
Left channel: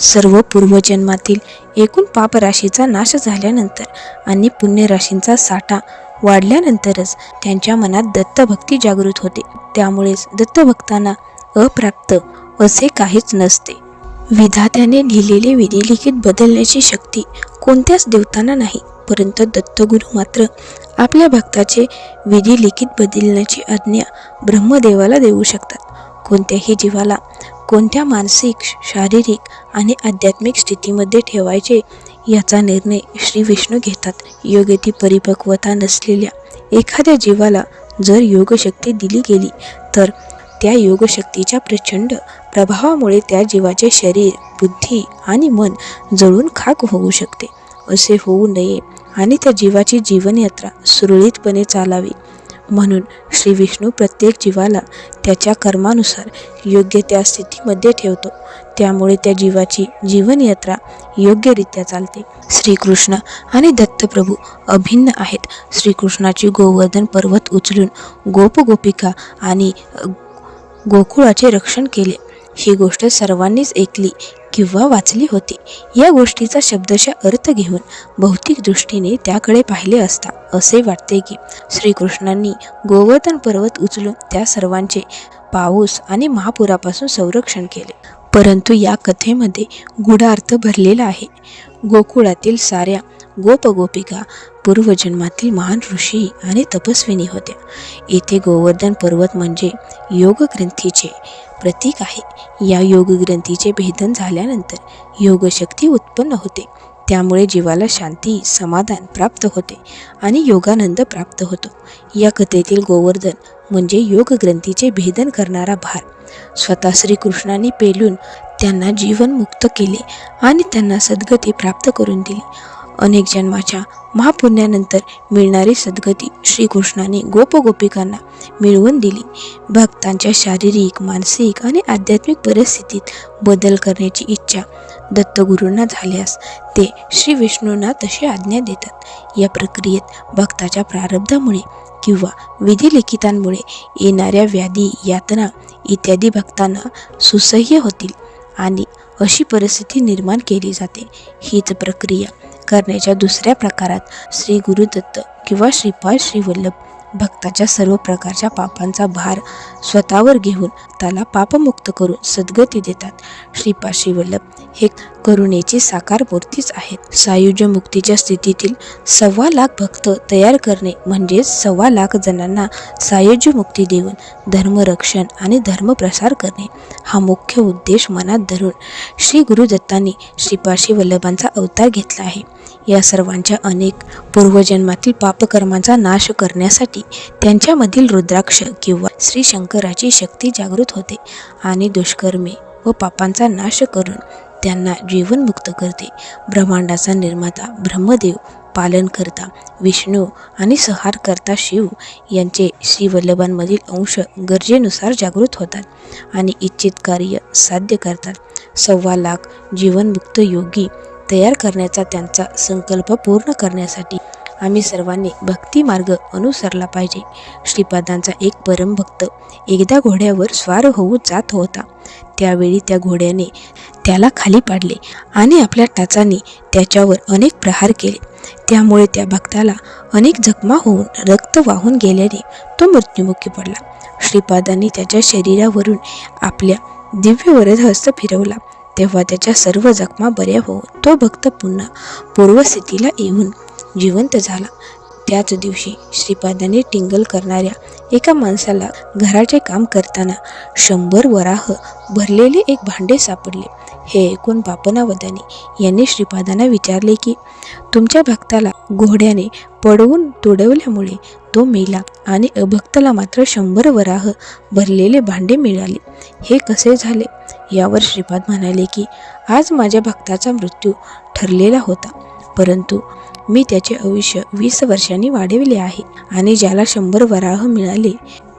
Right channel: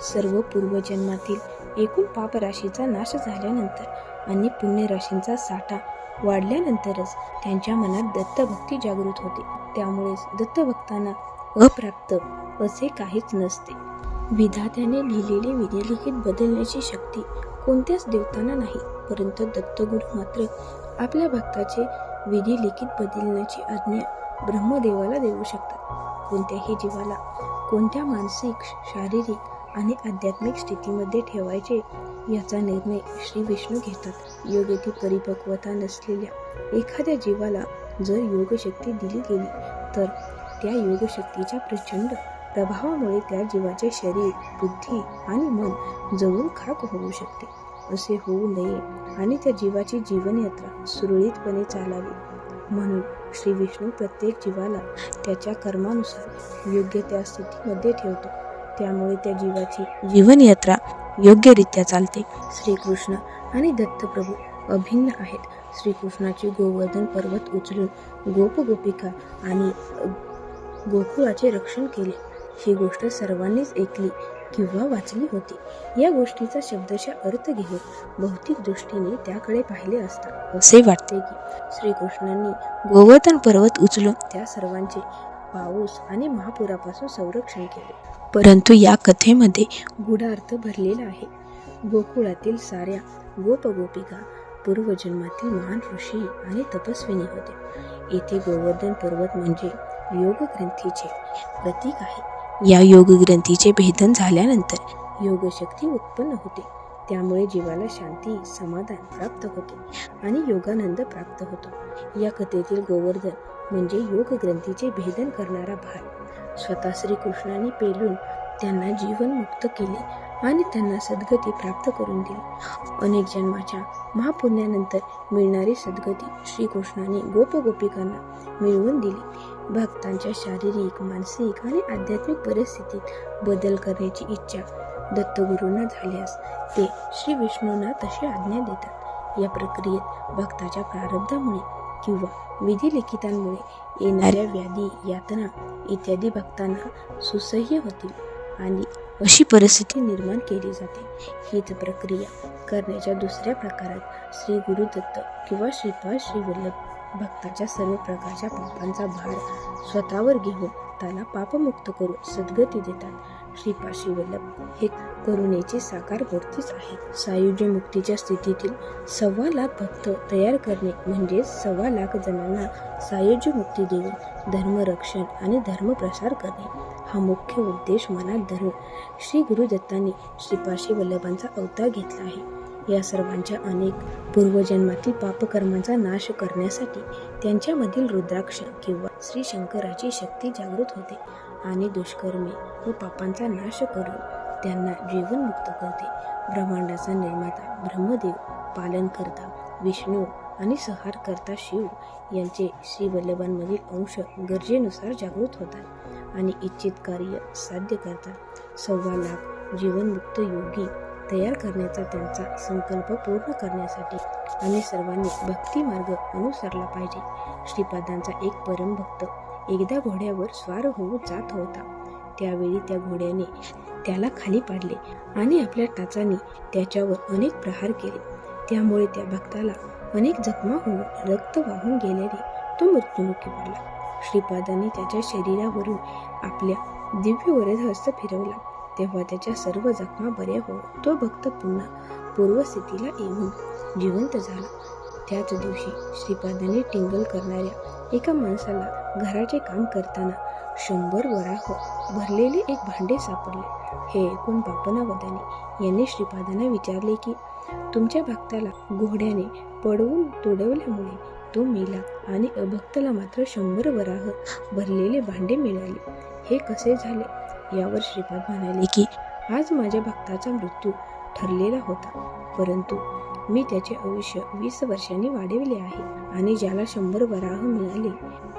सर्व पूर्वजन्मातील एकूण पापराशीचा नाश झाल्यानंतर आणि पुण्यराशींचा साठा वाढल्यानंतरच त्यांच्या मनात दत्तभक्ती जागृत होते. त्यामुळेच दत्तभक्तांना अप्राप्त असे काहीच नसते. विधात्याने लिहिलेले विधिलिखित बदलण्याची शक्ती कोणत्याच देवतांना नाही, परंतु दत्तगुरू मात्र आपल्या भक्ताचे विधिलिखित बदलण्याची आज्ञा ब्रह्मदेवाला देऊ शकतात. कोणत्याही जीवाला कोणत्या मानसिक, शारीरिक आणि आध्यात्मिक स्थितीमध्ये ठेवायचे याचा निर्णय श्री विष्णू घेतात. योग्य ती परिपक्वता नसलेल्या एखाद्या जीवाला जर योगशक्ती दिली गेली तर त्या योगशक्तीच्या प्रचंड प्रभावामुळे त्या जीवाचे शरीर, बुद्धी आणि मन जळून खाक होऊ शकते. असे होऊ नये आणि त्या जीवाची जीवनयात्रा सुरळीतपणे चालावी म्हणून श्री विष्णू प्रत्येक जीवाला त्याच्या कर्मानुसार योग्य त्या स्थितीमध्ये ठेवतो. त्यामुळे त्या जीवाची जीवनयात्रा योग्यरित्या चालते. श्रीकृष्ण आणि दत्तप्रभू अभिन्न आहेत. श्रीकृष्णाची गोवर्धन पर्वत उचलून गोपगोपिका आणि गोकुळाचे रक्षण केले, ही गोष्ट सर्वांनीच ऐकली किंवा वाचली होती. या गोष्टीचा शब्दशः अर्थ घेऊन भौतिक दृष्टीने त्याकडे पाहिले असता असे वाटते की श्रीकृष्णांनी गोवर्धन पर्वत उचलून त्या सर्वांचे पाऊस आणि महापुरापासून संरक्षण केले. परंतु या कथेमध्ये गूढ अर्थ भरलेला आहे. गोकुळातील साऱ्या गोपगोपिका पूर्वजन्मातील महान ऋषी आणि तपस्विनी होत्या. येथे गोवर्धन पर्वत म्हणजे योगग्रंथीचे प्रतीक आहे. या योगग्रंथीचे भेदन झाल्यानंतर योगशक्ती उत्पन्न होते. त्यामुळे जीवाला शांती, समाधान प्राप्त होते आणि योगानंद प्राप्त होतो. या कथेतील गोवर्धन म्हणजे योगग्रंथीचे भेदन करणारा भार. स्वतः श्रीकृष्णांनी पेलून त्यांना जीवनमुक्त केले आणि त्यांना सद्गती प्राप्त करून दिली. अनेक जन्माच्या महापुण्यानंतर मिळणारी सद्गती श्रीकृष्णाने गोपगोपिकांना मिळवून दिली. भक्तांच्या शारीरिक, मानसिक आणि आध्यात्मिक परिस्थितीत बदल करण्याची इच्छा दत्तगुरूंना झाल्यास ते श्री विष्णूंना तशी आज्ञा देतात. या प्रक्रियेत भक्ताच्या प्रारब्धामुळे किंवा विधिलिखितांमुळे येणाऱ्या व्याधी, यातना इत्यादी भक्तांना सुसह्य होतील आणि अशी परिस्थिती निर्माण केली जाते. हीच प्रक्रिया करण्याच्या दुसऱ्या प्रकारात श्री गुरुदत्त किंवा श्रीपाद श्री वल्लभ भक्ताच्या सर्व प्रकारच्या पापांचा भार स्वतःवर घेऊन त्याला पापमुक्त करून सद्गती देतात. श्रीपाद श्रीवल्लभ हे करुणेची साकार मूर्तीच आहेत. सायुज्य मुक्तीच्या स्थितीतील 1,15,00,000 भक्त तयार करणे म्हणजेच 1,15,00,000 जणांना सायुज्य मुक्ती देऊन धर्मरक्षण आणि धर्मप्रसार करणे हा मुख्य उद्देश मनात धरून श्री गुरुदत्तांनी श्रीपाद श्रीवल्लभांचा अवतार घेतला आहे. या सर्वांच्या अनेक पूर्वजन्मातील पापकर्मांचा नाश करण्यासाठी त्यांच्यामधील रुद्राक्ष किंवा श्री शंकराची शक्ती जागृत होते आणि दुष्कर्मे व पापांचा नाश करून त्यांना जीवनमुक्त करते. ब्रह्मांडाचा निर्माता ब्रह्मदेव, पालनकर्ता विष्णू आणि संहारकर्ता शिव यांचे श्रीवल्लभांमधील अंश गरजेनुसार जागृत होतात आणि इच्छित कार्य साध्य करतात. 1,15,00,000 जीवनमुक्त योगी तयार करण्याचा त्यांचा संकल्प पूर्ण करण्यासाठी आम्ही सर्वांनी भक्ती मार्ग अनुसरला पाहिजे. श्रीपादांचा एक परमभक्त एकदा घोड्यावर स्वार होऊ जात होता. त्यावेळी त्या घोड्याने त्याला खाली पाडले आणि आपल्या टाचांनी त्याच्यावर अनेक प्रहार केले. त्यामुळे त्या भक्ताला अनेक जखमा होऊन रक्त वाहून गेल्याने तो मृत्युमुखी पडला. श्रीपादांनी त्याच्या शरीरावरून आपल्या दिव्य वरदहस्त फिरवला तेव्हा त्याच्या सर्व जखमा बऱ्या होऊन तो भक्त पुन्हा पूर्वस्थितीला येऊन जिवंत झाला. त्याच दिवशी श्रीपादांनी टिंगल करणाऱ्या एका माणसाला घराचे काम करताना 100 वराह भरलेले एक भांडे सापडले. हे ऐकून पापनावदानी यांनी श्रीपादांना विचारले की तुमच्या भक्ताला घोड्याने पडवून तुडवल्यामुळे तो मेला आणि अभक्ताला मात्र 100 वराह भरलेले भांडे मिळाले, हे कसे झाले? यावर श्रीपाद म्हणाले की आज माझ्या भक्ताचा मृत्यू ठरलेला होता, परंतु मी त्याचे आयुष्य 20 वर्षांनी वाढविले आहे आणि ज्याला 100 वराह मिळाले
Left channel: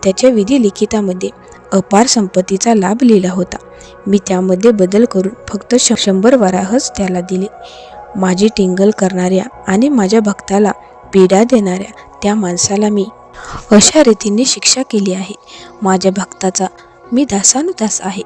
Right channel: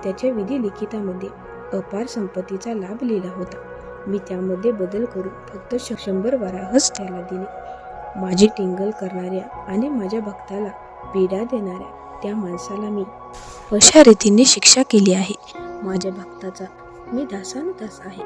त्याच्या विधी लिखितामध्ये अपार संपत्तीचा लाभ लिहिला होता. मी त्यामध्ये बदल करून फक्त 100 वराहच त्याला दिले. माझी टिंगल करणाऱ्या आणि माझ्या भक्ताला पीडा देणाऱ्या त्या माणसाला मी अशा रीतीने शिक्षा केली आहे. माझ्या भक्ताचा मी दासानुदास आहे,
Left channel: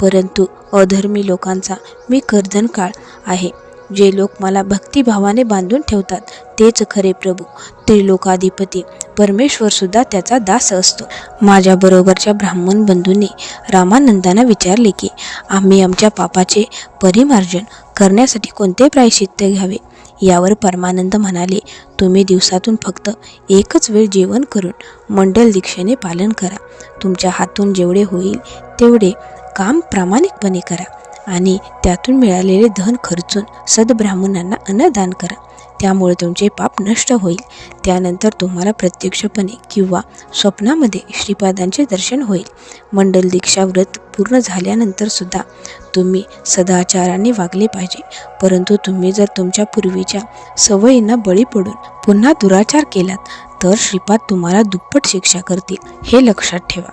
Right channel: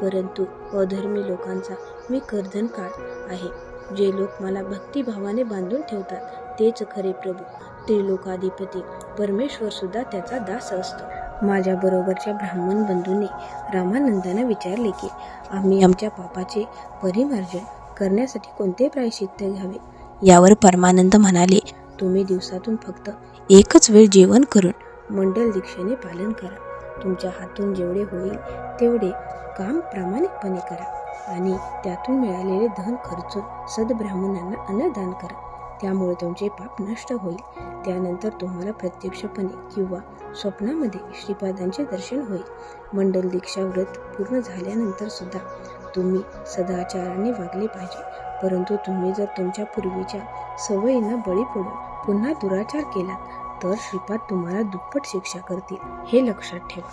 परंतु अधर्मी लोकांचा मी कर्दनकाळ आहे. जे लोक मला भक्तिभावाने बांधून ठेवतात तेच खरे प्रभू, त्रिलोकाधिपती परमेश्वर सुद्धा त्याचा दास असतो. माझ्या बरोबरच्या ब्राह्मण बंधूंनी रामानंदांना विचारले की आम्ही आमच्या पापाचे परिमार्जन करण्यासाठी कोणते प्रायश्चित्त घ्यावे. यावर परमानंद म्हणाले, तुम्ही दिवसातून फक्त एकच वेळ जेवण करून मंडल दीक्षेने पालन करा. तुमच्या हातून जेवढे होईल तेवढे काम प्रामाणिकपणे करा आणि त्यातून मिळालेले धन खर्चून सद्ब्राह्मणांना अन्नदान करा. त्यामुळे तुमचे पाप नष्ट होईल. त्यानंतर तुम्हाला प्रत्यक्षपणे किंवा स्वप्नामध्ये श्रीपादांचे दर्शन होईल. मंडल दीक्षा व्रत पूर्ण झाल्यानंतर सुद्धा तुम्ही सदाचाराने वागले पाहिजे, परंतु तुम्ही जर तुमच्या पूर्वीच्या सवयींना बळी पडून पुन्हा दुराचार केलात तर श्रीपाद तुम्हाला दुप्पट शिक्षा करतील, हे लक्षात ठेवा.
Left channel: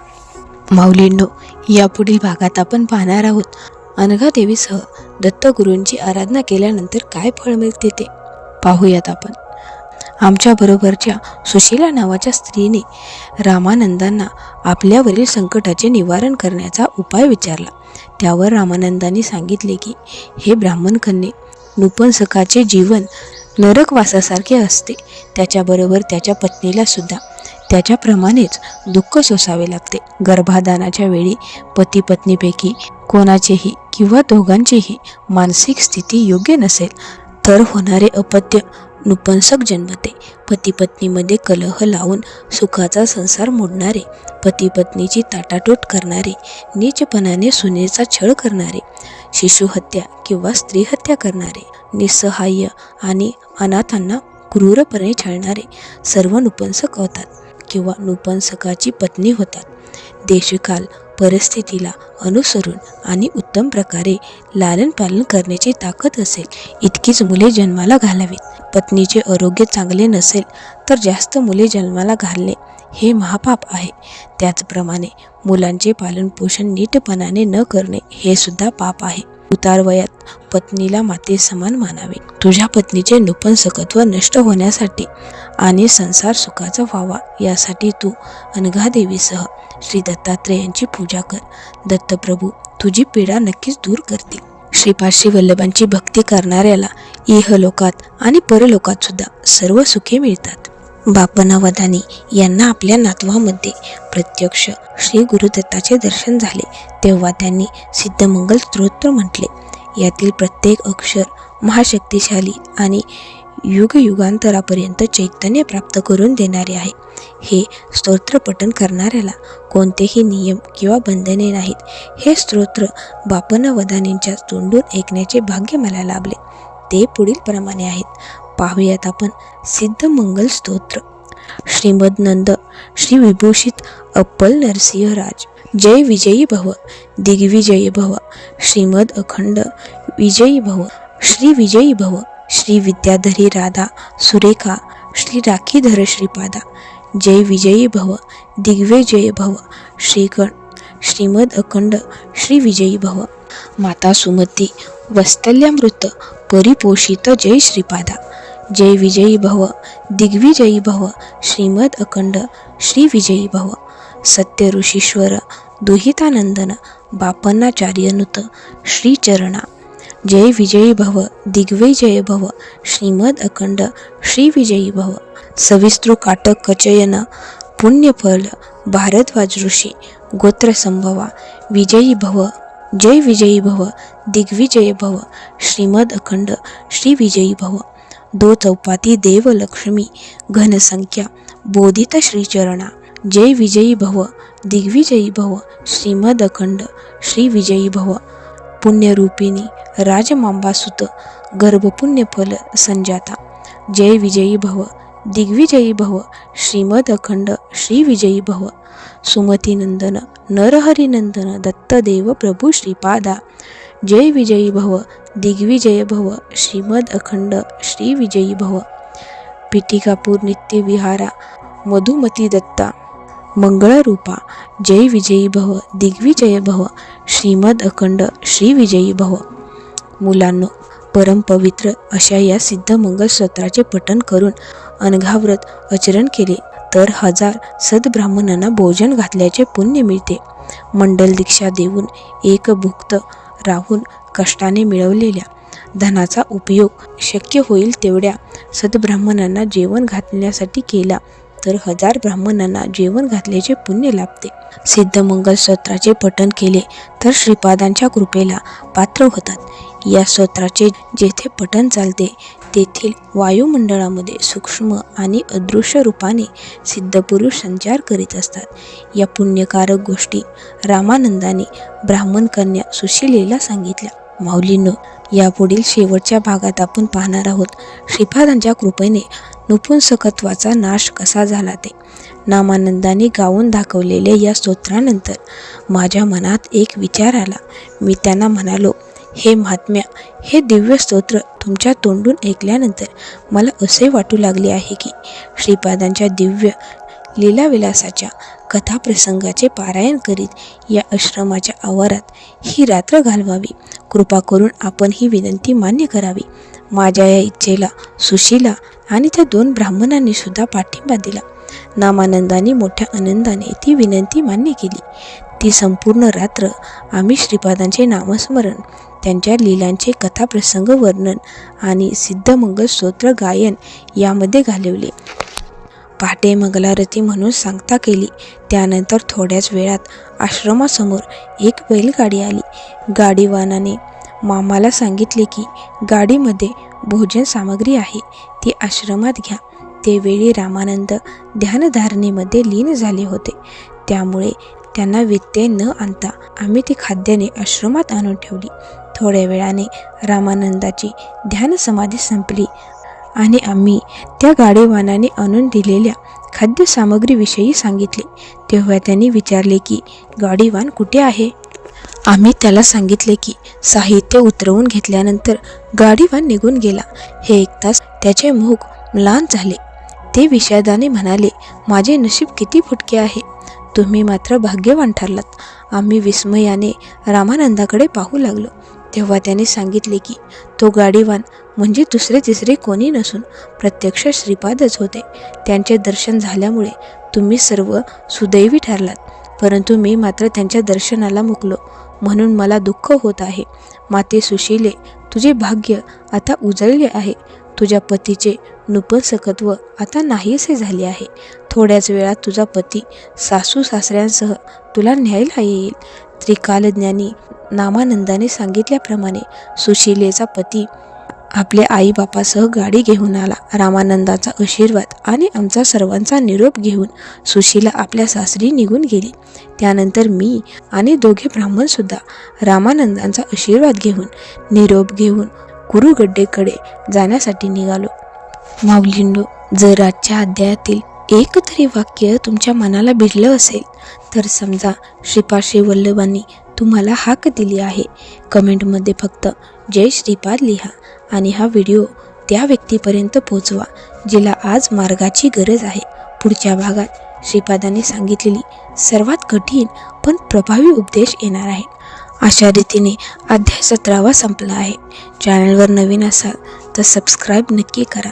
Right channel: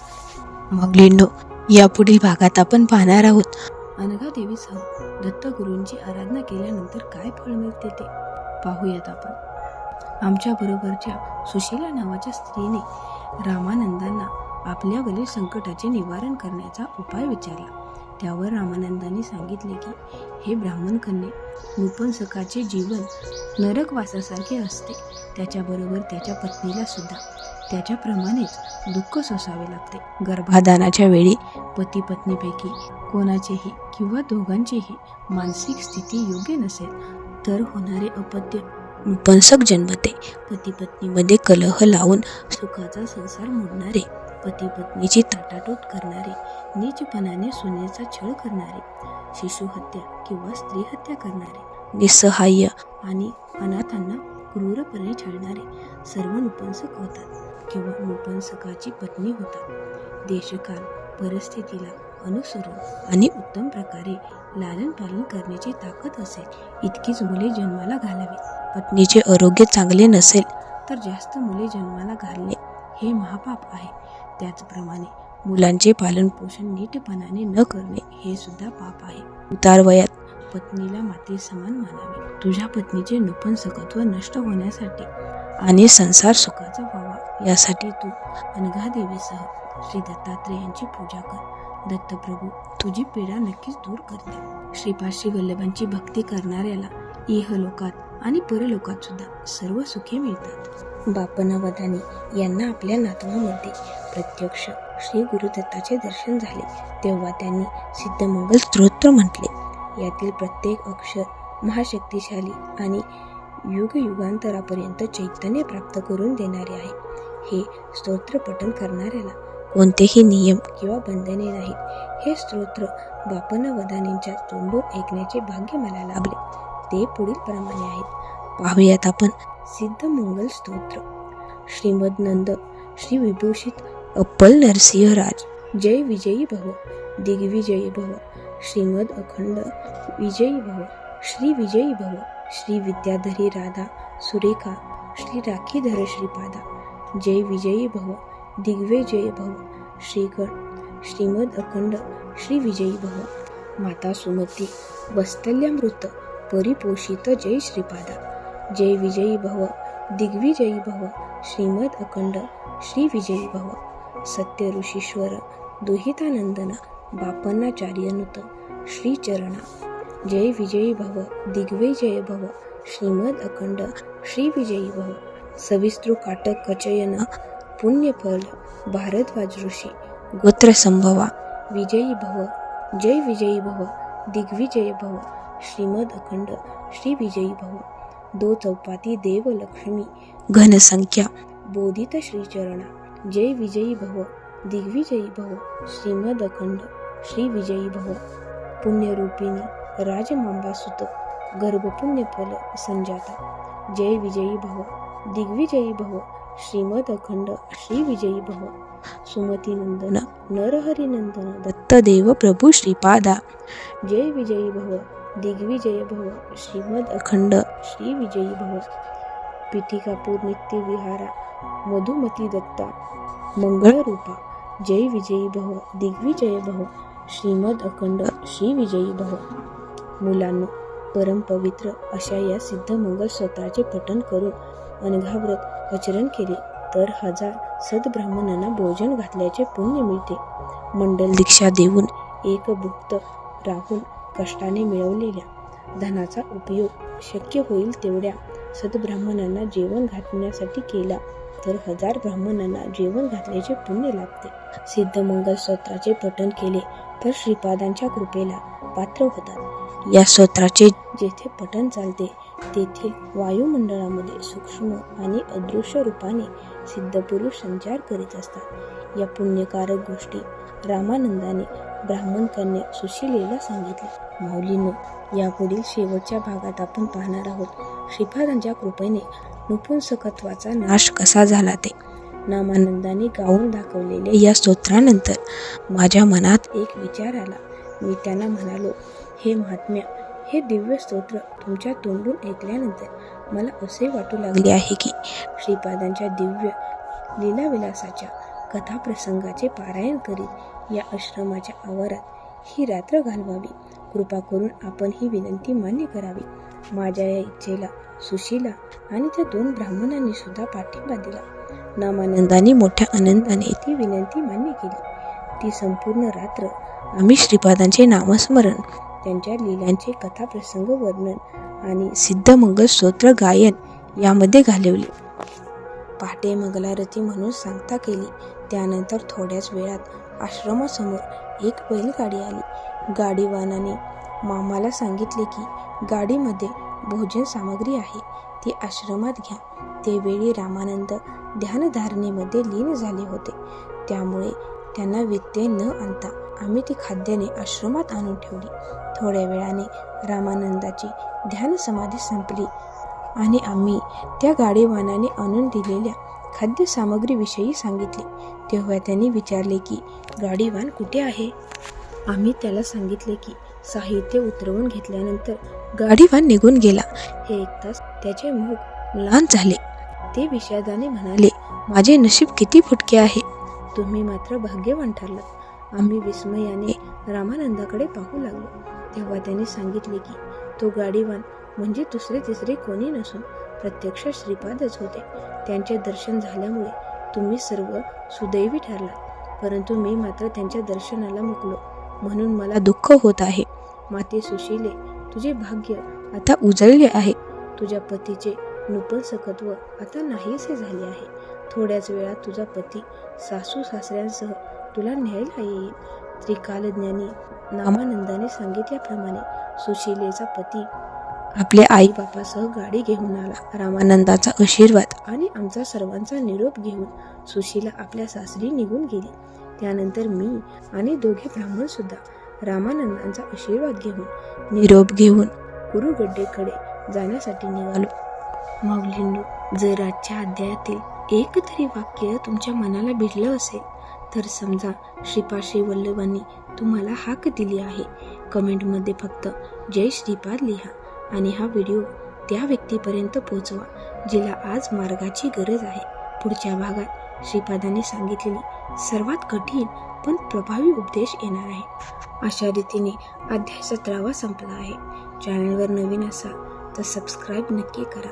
माऊलींनो, यापुढील भागात आपण पाहणार आहोत अनघादेवीसह दत्तगुरूंची आराधना केल्यानंतर काय फळ मिळते ते पाहूयात आपण. आमच्या बरोबरच्या सुशीला नावाच्या स्त्रीने रामानंदांना आपल्यावरील संकटाचे निवारण करण्याचा उपाय विचारला. त्यावर रामानंदांनी सांगितले की हे ब्राह्मण कन्ये, नपुंसकाचे जीवन नरकवासासारखे असते. त्याच्याबरोबर त्याच्या पत्नीला सुद्धा त्याच्याप्रमाणेच दुःख सोसावे लागते. गर्भाधानाच्या वेळी पती पत्नीपैकी कोणाचेही किंवा दोघांचीही मानसिक स्थिती योग्य नसेल तर होणारे अपत्य नपुंसक जन्मते. पती पत्नीमध्ये कलह लावून सुखाचा संसार मोडणारे, पती पत्नीची ताटाटूट करणारे, नीचपणाने सुनेचा छळ करणारे, शिशुहत्या किंवा स्त्रीहत्या करणारे, निस्सहाय्य आणि अनाथांना क्रूरपणे छळणारे सर्व नपुंसक होतात किंवा नपुंसकाची पत्नी होतात. देशकाल परिस्थितीला अनुसरून आणि उत्तम प्रकारे लालन पालन करण्याची ताकद असेल इतकीच मुले जन्माला घालावीत. पत्नीचे आरोग्य चांगले नसेल तर जास्त मुले जन्माला घालणे हे महापाप आहे. त्याचप्रमाणे मुलांचे पालनपोषण नीटपणाने न करणे हे सुद्धा पाप आहे. उतार वयात पत्नीला माते समान मानावे. तुझ्या पत्नीचे नपुंसकत्व नष्ट होण्यासाठी आणि संसार सुखाचा व्हावा यासाठी तू अनघादेवीसह श्री दत्तात्रेयांची पूजा कर. दत्तप्रभू तुझी पीडा नक्कीच दूर करतील. श्रीपाद श्रीवल्लभांची भक्ती करणाऱ्याला इहलोकात आणि परलोकात सुद्धा सर्व सुखे मिळतात. बापनावधानी यांना आपल्या नातवामध्ये प्रत्यक्ष श्री गुरुदत्ताचे दर्शन झाले तेव्हा त्यांनी सिद्धमंगल स्तोत्र म्हटले. यातील प्रत्येक अक्षर महाशक्तिशाली आणि युगयुगांतरापर्यंत चैतन्य प्राप्त करून देणारे आहे. हे स्तोत्र पठण करणाऱ्याला कोणतेही नियम किंवा बंधने नाहीत. हे स्तोत्र बापनावधानींच्या तोंडून ऐकण्याचे भाग्य मला लाभले. ते पुढील प्रमाणे आहेत. पाहूयात आपण सिद्धमंगल स्तोत्र. श्रीमद नंद श्री विभूषित अप्पल नरसिंहराज जय विजयी भव, दिग्विजयी भव. श्रीमद अखंड विजयी भव, श्री विजयी भव. श्री विद्याधरी राधा सुरेखा श्री राखीधर श्रीपादा जय विजयी भव, दिग्विजयी भव. श्रीगण श्रीमद अखंड श्री विजयी भव. माता सुमती वत्सल्यामृत परिपोषित जय श्रीपादा जय विजयी भव, दिग्विजयी भव. श्रीमद अखंड श्री विजयी भव. सत्य ऋषीश्वर दुहितानंदन बापन्नाचार्यनुत श्रीचरणा जय विजयी भव, दिग्विजयी भव. श्रीमद अखंड श्री विजयी भव. सविस्तृ काटक कचयन पुण्यफल भारद्वाज ऋषी गोत्र संभवा विजयी भव जय विजयी भव, दिग्विजयी भव. श्रीमद अखंड श्री विजयी भव. दो चौपाती देव लक्ष्मी घनसंख्या बोधित श्रीचरणा जय विजयी भव, दिग्विजयी भव. श्रीमद अखंड श्री विजयी भव. पुण्यरूपिणी राजमांबासुत गर्भपुण्यफल संजाता जय विजयी भव, दिग्विजयी भव. श्रीमद अखंड श्री विजयी भव. सुमतीनंदन नरहरिनंदन दत्तदेव प्रभू श्रीपादा जय विजयी भव, दिग्विजय भव. श्रीमद अखंड श्री विजयी भव. पिटिकापूर नित्य विहारा मधुमती दत्ता मंगळरूपा जय विजयी भव, दिग्विजय भव. श्रीमद अखंड श्री विजयी भव. मुलांनो, परमपवित्र अशा या सिद्धमंगल स्तोत्राचे पठण करून अनघाव्रत आचरण केले तर 1000 सद्ब्राह्मणांना भोजन घातल्याचे पुण्य मिळते. मंडल दीक्षा देऊन एकभुक्त राहून कष्टाने मिळवलेल्या धनाचा उपयोग शक्य होईल तेवढ्या सद्ब्राह्मणांना जेवण घालण्यासाठी केला तर 1000 ब्राह्मणांना जेवण घातल्याचे पुण्य लाभते. सिद्धमंगल स्तोत्राचे पठण केले तर श्रीपादांच्या कृपेला पात्र होतात. या स्तोत्राचे जेथे पठण चालते तेथील वायुमंडळामध्ये सूक्ष्म आणि अदृश्य रूपाने सिद्धपुरुष संचार करीत असतात. या पुण्यकारक गोष्टी रामानंदाने ब्राह्मण कन्या सुशीलेला सांगितल्या. माऊलींनो, यापुढील शेवटच्या भागात आपण पाहणार आहोत श्रीपादांच्या कृपेने नपुंसकत्वाचा नाश कसा झाला ते. नामानंदाने गाऊन दाखवलेल्या या स्तोत्रानंतर माझ्या मनात एक विचार आला. मी त्यांना म्हणालो, हे महात्म्या, हे दिव्य स्तोत्र तुमच्या तोंडून ऐकल्यानंतर मला असे वाटू लागले आहे की श्रीपादांच्या दिव्य लीलाविलासाच्या कथाप्रसंगाचे पारायण करीत या आश्रमाच्या आवारात ही रात्र घालवावी. कृपा करून आपण ही विनंती मान्य करावी. माझ्या या इच्छेला सुशीला आणि त्या 2 ब्राह्मणांनी सुद्धा पाठिंबा दिला. नामानंदाने मोठ्या आनंदाने ती विनंती मान्य केली. ती संपूर्ण रात्र आम्ही श्रीपादांचे नामस्मरण, त्यांच्या लीलांचे कथाप्रसंग वर्णन आणि सिद्धमंगल स्तोत्र गायन यामध्ये घालवले. पहाटे मंगलारती म्हणून सांगता केली. त्यानंतर थोड्याच वेळात आश्रमासमोर एक बैलगाडी आली. गाडीवानाने मामाला सांगितले की गाडीमध्ये भोजन सामग्री आहे, ती आश्रमात घ्या. त्यावेळी रामानंद ध्यानधारणेमध्ये लीन झाले होते, त्यामुळे त्यांना व्यत्यय न आणता आम्ही ती खाद्याने आश्रमात आणून ठेवली. थोड्या वेळाने रामानंदाची ध्यानसमाधी संपली आणि आम्ही त्या गाडीवानाने आणून दिलेल्या खाद्यसामग्रीविषयी सांगितले. तेव्हा त्यांनी विचारले की गाडीवान कुठे आहे. आम्ही त्याला सांगितले की साहित्य उतरवून घेतल्यानंतर गाडीवान निघून गेला. हे ऐकताच त्याचे मुख म्लान झाले. ते विषादाने म्हणाले, माझे नशीब किती फुटके आहे, तुम्ही मात्र भाग्यवान ठरलात. आम्ही विस्मयाने रामानंदाकडे पाहू लागलो. तेव्हा त्याने सांगितले की तो गाडीवान म्हणजे दुसरे तिसरे कोणी नसून प्रत्यक्ष श्रीपादच होते. त्यांचे दर्शन झाल्यामुळे तुम्ही सर्व सुदैवी ठरलात, परंतु मी मात्र त्यांच्या दर्शनाला मुकलो, म्हणून मला दुःख होत आहे. माते सुशीले, तुझे भाग्य आता उजळले आहे. तुझ्या पतीचे नपुंसकत्व आता नाहीसे झाले आहे. थोड्याच वेळात तुझा पती सासू सासऱ्यांसह तुला न्यायला येईल. त्रिकालज्ञानी नामानंदाने सांगितल्याप्रमाणे सुशीलेचा पती आपल्या आईबापासह गाडी घेऊन आला. रामानंदाचा आशीर्वाद आणि आमचा सर्वांचा निरोप घेऊन सुशीला आपल्या सासरी निघून गेली. त्यानंतर मी आणि दोघे ब्राह्मणसुद्धा रामानंदांचा आशीर्वाद घेऊन निरोप घेऊन कुरुगड्डेकडे जाण्यासाठी निघालो. माऊलींनो, जर आजच्या अध्यायातील एक तरी वाक्य तुमच्या मनाला भिडलं असेल तर समजा श्रीपाद श्री वल्लभांनी तुम्हाला हाक दिली आहे. कमेंटमध्ये फक्त जय श्रीपाद लिहा आणि हा व्हिडिओ त्या व्यक्तीपर्यंत पोहोचवा जिला आज मार्गाची गरज आहे. पुढच्या भागात श्रीपादांनी सांगितलेली सर्वात कठीण पण प्रभावी उपदेश येणार आहे. अशा रीतीने अध्याय 17 संपला आहे. चॅनलवर नवीन असाल तर सबस्क्राईब नक्की करा.